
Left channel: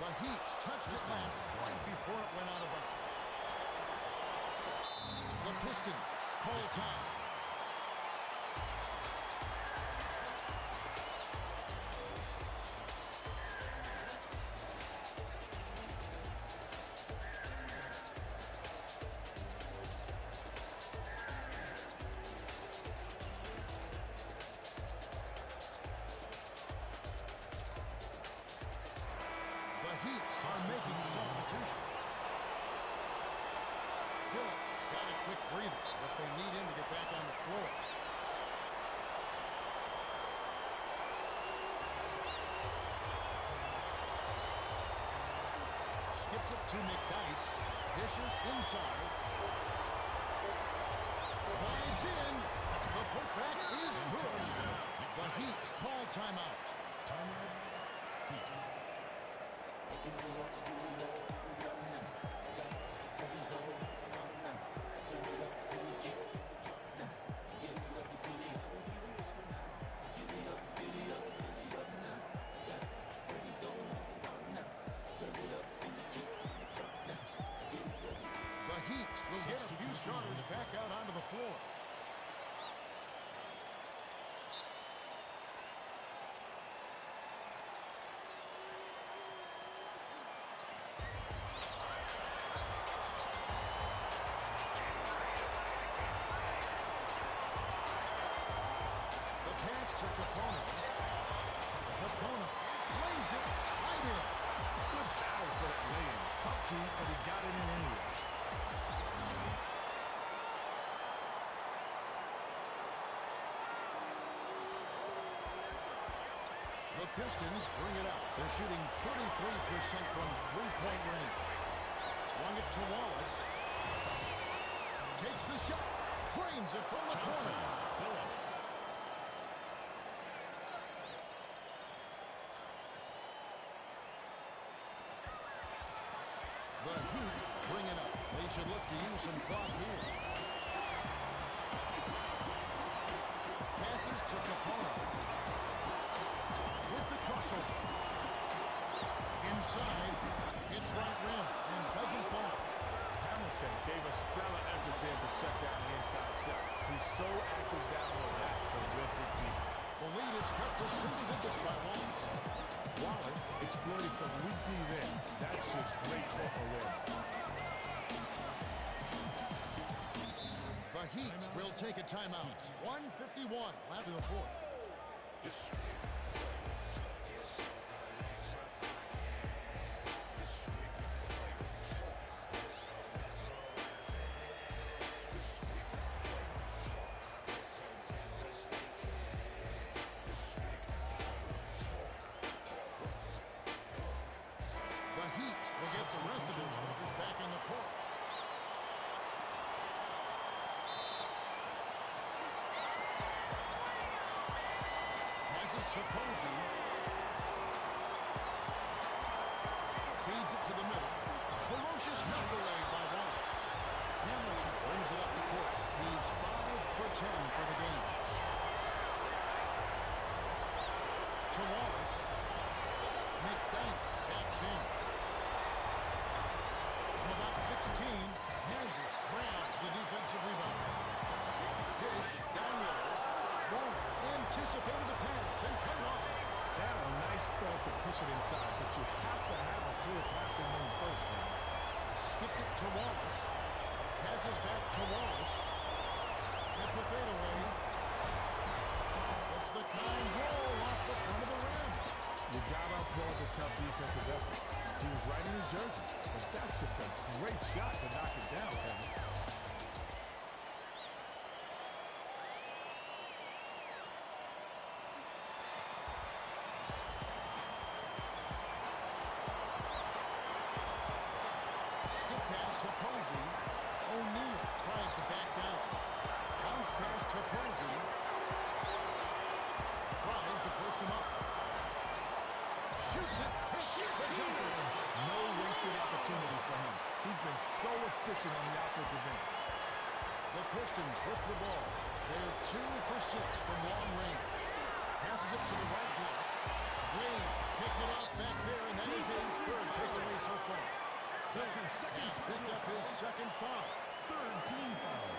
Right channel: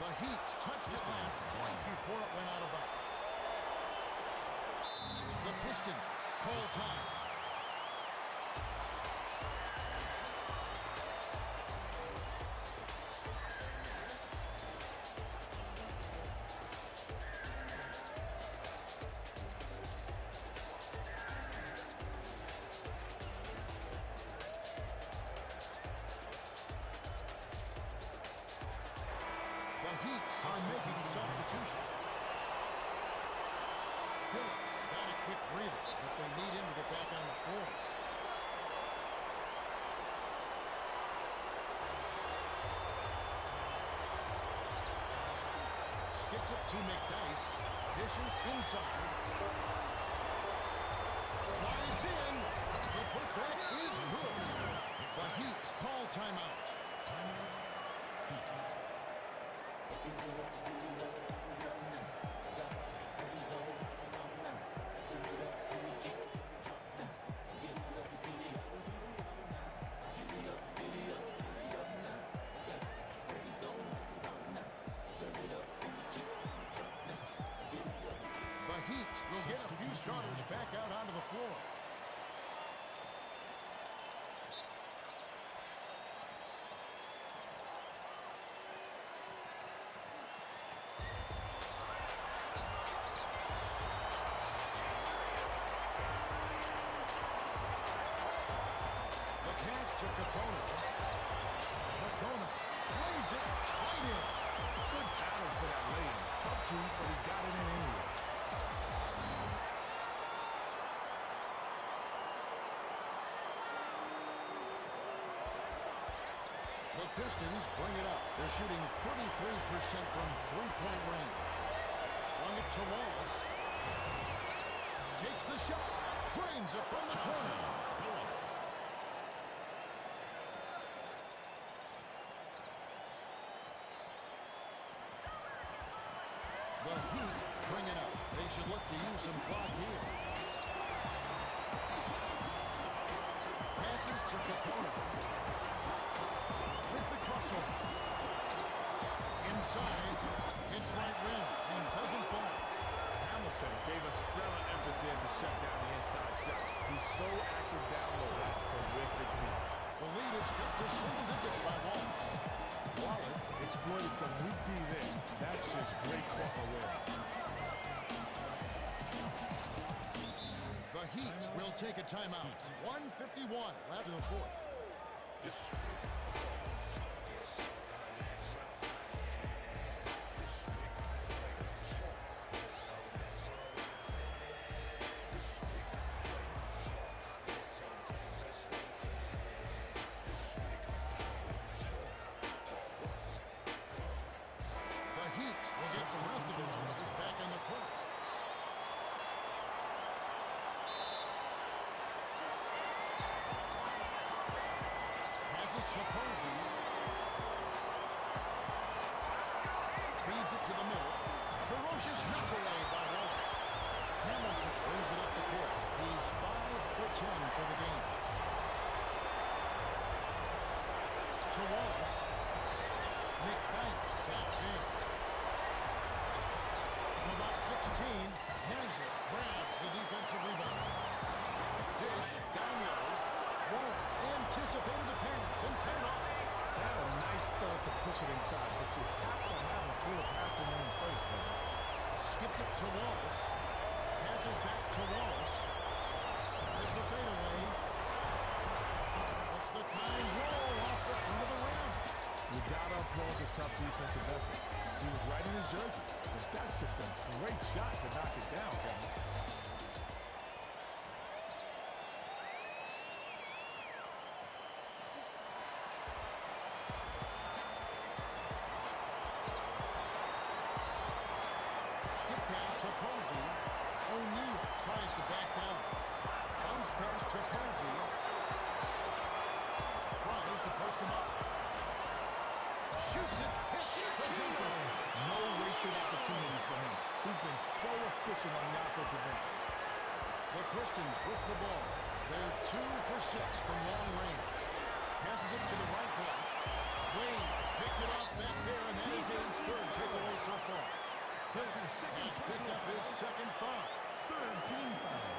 The Heat touched it last right before it went out of bounds. The Pistons call time. The Heat are making substitutions. Phillips got a quick breather, but they need him to get back on the floor. Skips it to McDyess. Dishes inside. Glides in. The putback is good. The Heat call timeout. The Heat will get a few starters back out onto the floor. The pass to Capono. Capono lays it right in. Good battle for that lay-in. Tough D, but he got it in anyway. The Pistons bring it up. They're shooting 33% from three-point range. Swung it to Wallace. Takes the shot. Drains it from the corner. The Heat bring it up. They should look to use some clock here. Passes to Capono. With the crossover. Inside, hits right rim and doesn't fall. Hamilton gave a stellar effort there to shut down the inside shot. He's so active down low. That's terrific D. The lead is cut to single digits by Wallace. Wallace exploited some weak D there. That's just great court awareness. The Heat will take a timeout. 1:51 left in the fourth. The Heat will get the rest of their starters back on the court. Passes to Posey. Feeds it to the middle. Ferocious knuckle lay by Wallace. Hamilton brings it up the court. He's 5 for 10 for the game. To Wallace. McDyess taps in. From about 16, Haslett grabs the defensive rebound. Dish down low. Wallace anticipated the pass and cut it off. They had a nice thought to push it inside, but you have to have a clear passing lane first, Kevin. Skipped it to Wallace. Passes back to Wallace. With the fadeaway. It's the kind roll off the front of the rim. You gotta applaud the tough defensive effort. He was right in his jersey, but that's just a great shot to knock it down, Kevin. Skip pass to Posey. O'Neal tries to back down. Bounce pass to Posey. Tries to post him up. Shoots it, hits the jumper. No wasted opportunities for him. He's been so efficient on the offensive end. The Pistons with the ball. They're 2 for 6 from long range. Passes it to the right block. Wade picked it off back there, and that is his third takeaway so far. Hill has picked up his second foul. Third team foul.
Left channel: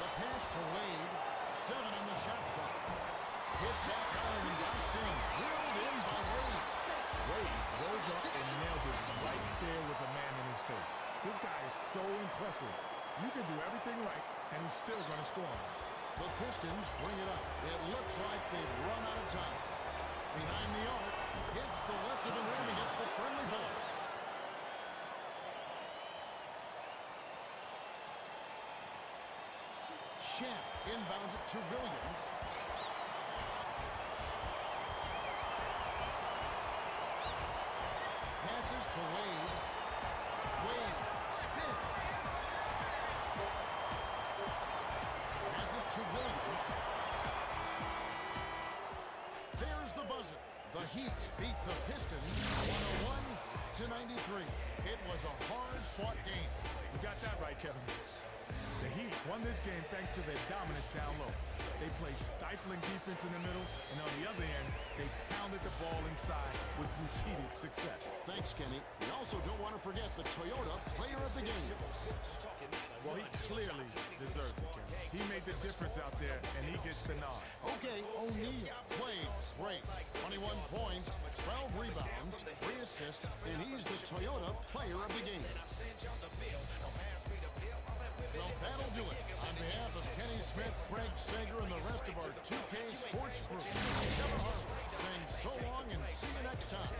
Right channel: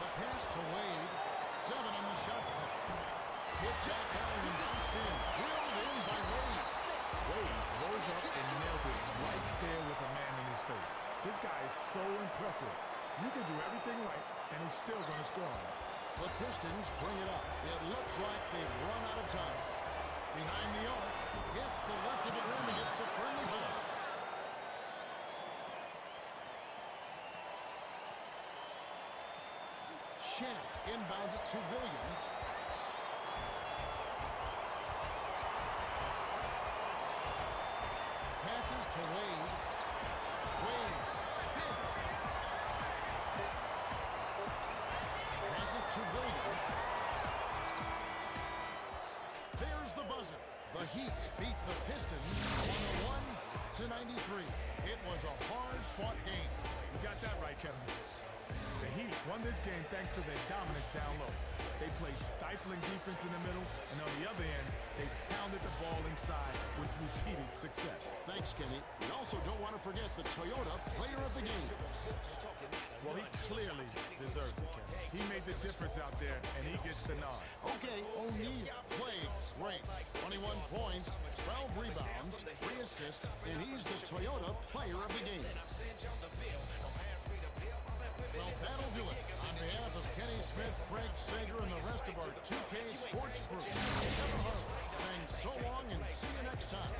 The pass to Wade. 7 on the shot clock. Hit back iron and bounced in. Drilled in by Wade. Wade rose up and nailed it right there with a man in his face. This guy is so impressive. You can do everything right, and he's still going to score on it. The Pistons bring it up. It looks like they've run out of time. Behind the arc, hits the left of the rim and gets the friendly bounce. Shamp inbounds it to Williams. Passes to Wade. Wade spins. Passes to Williams. There's the buzzer. The Heat beat the Pistons 101-93. It was a hard-fought game. You got that right, Kevin. The Heat won this game thanks to their dominance down low. They played stifling defense in the middle, and on the other end, they pounded the ball inside with repeated success. Thanks, Kenny. We also don't want to forget the Toyota Player of the Game. Well, he clearly deserves it, Kevin. He made the difference out there, and he gets the nod. Okay, O'Neal played great. 21 points, 12 rebounds, 3 assists, and he's the Toyota Player of the Game. Well, that'll do it. On behalf of Kenny Smith, Craig Sager, and the rest of our 2K Sports crew, Kevin Harlan saying so long and see you next time.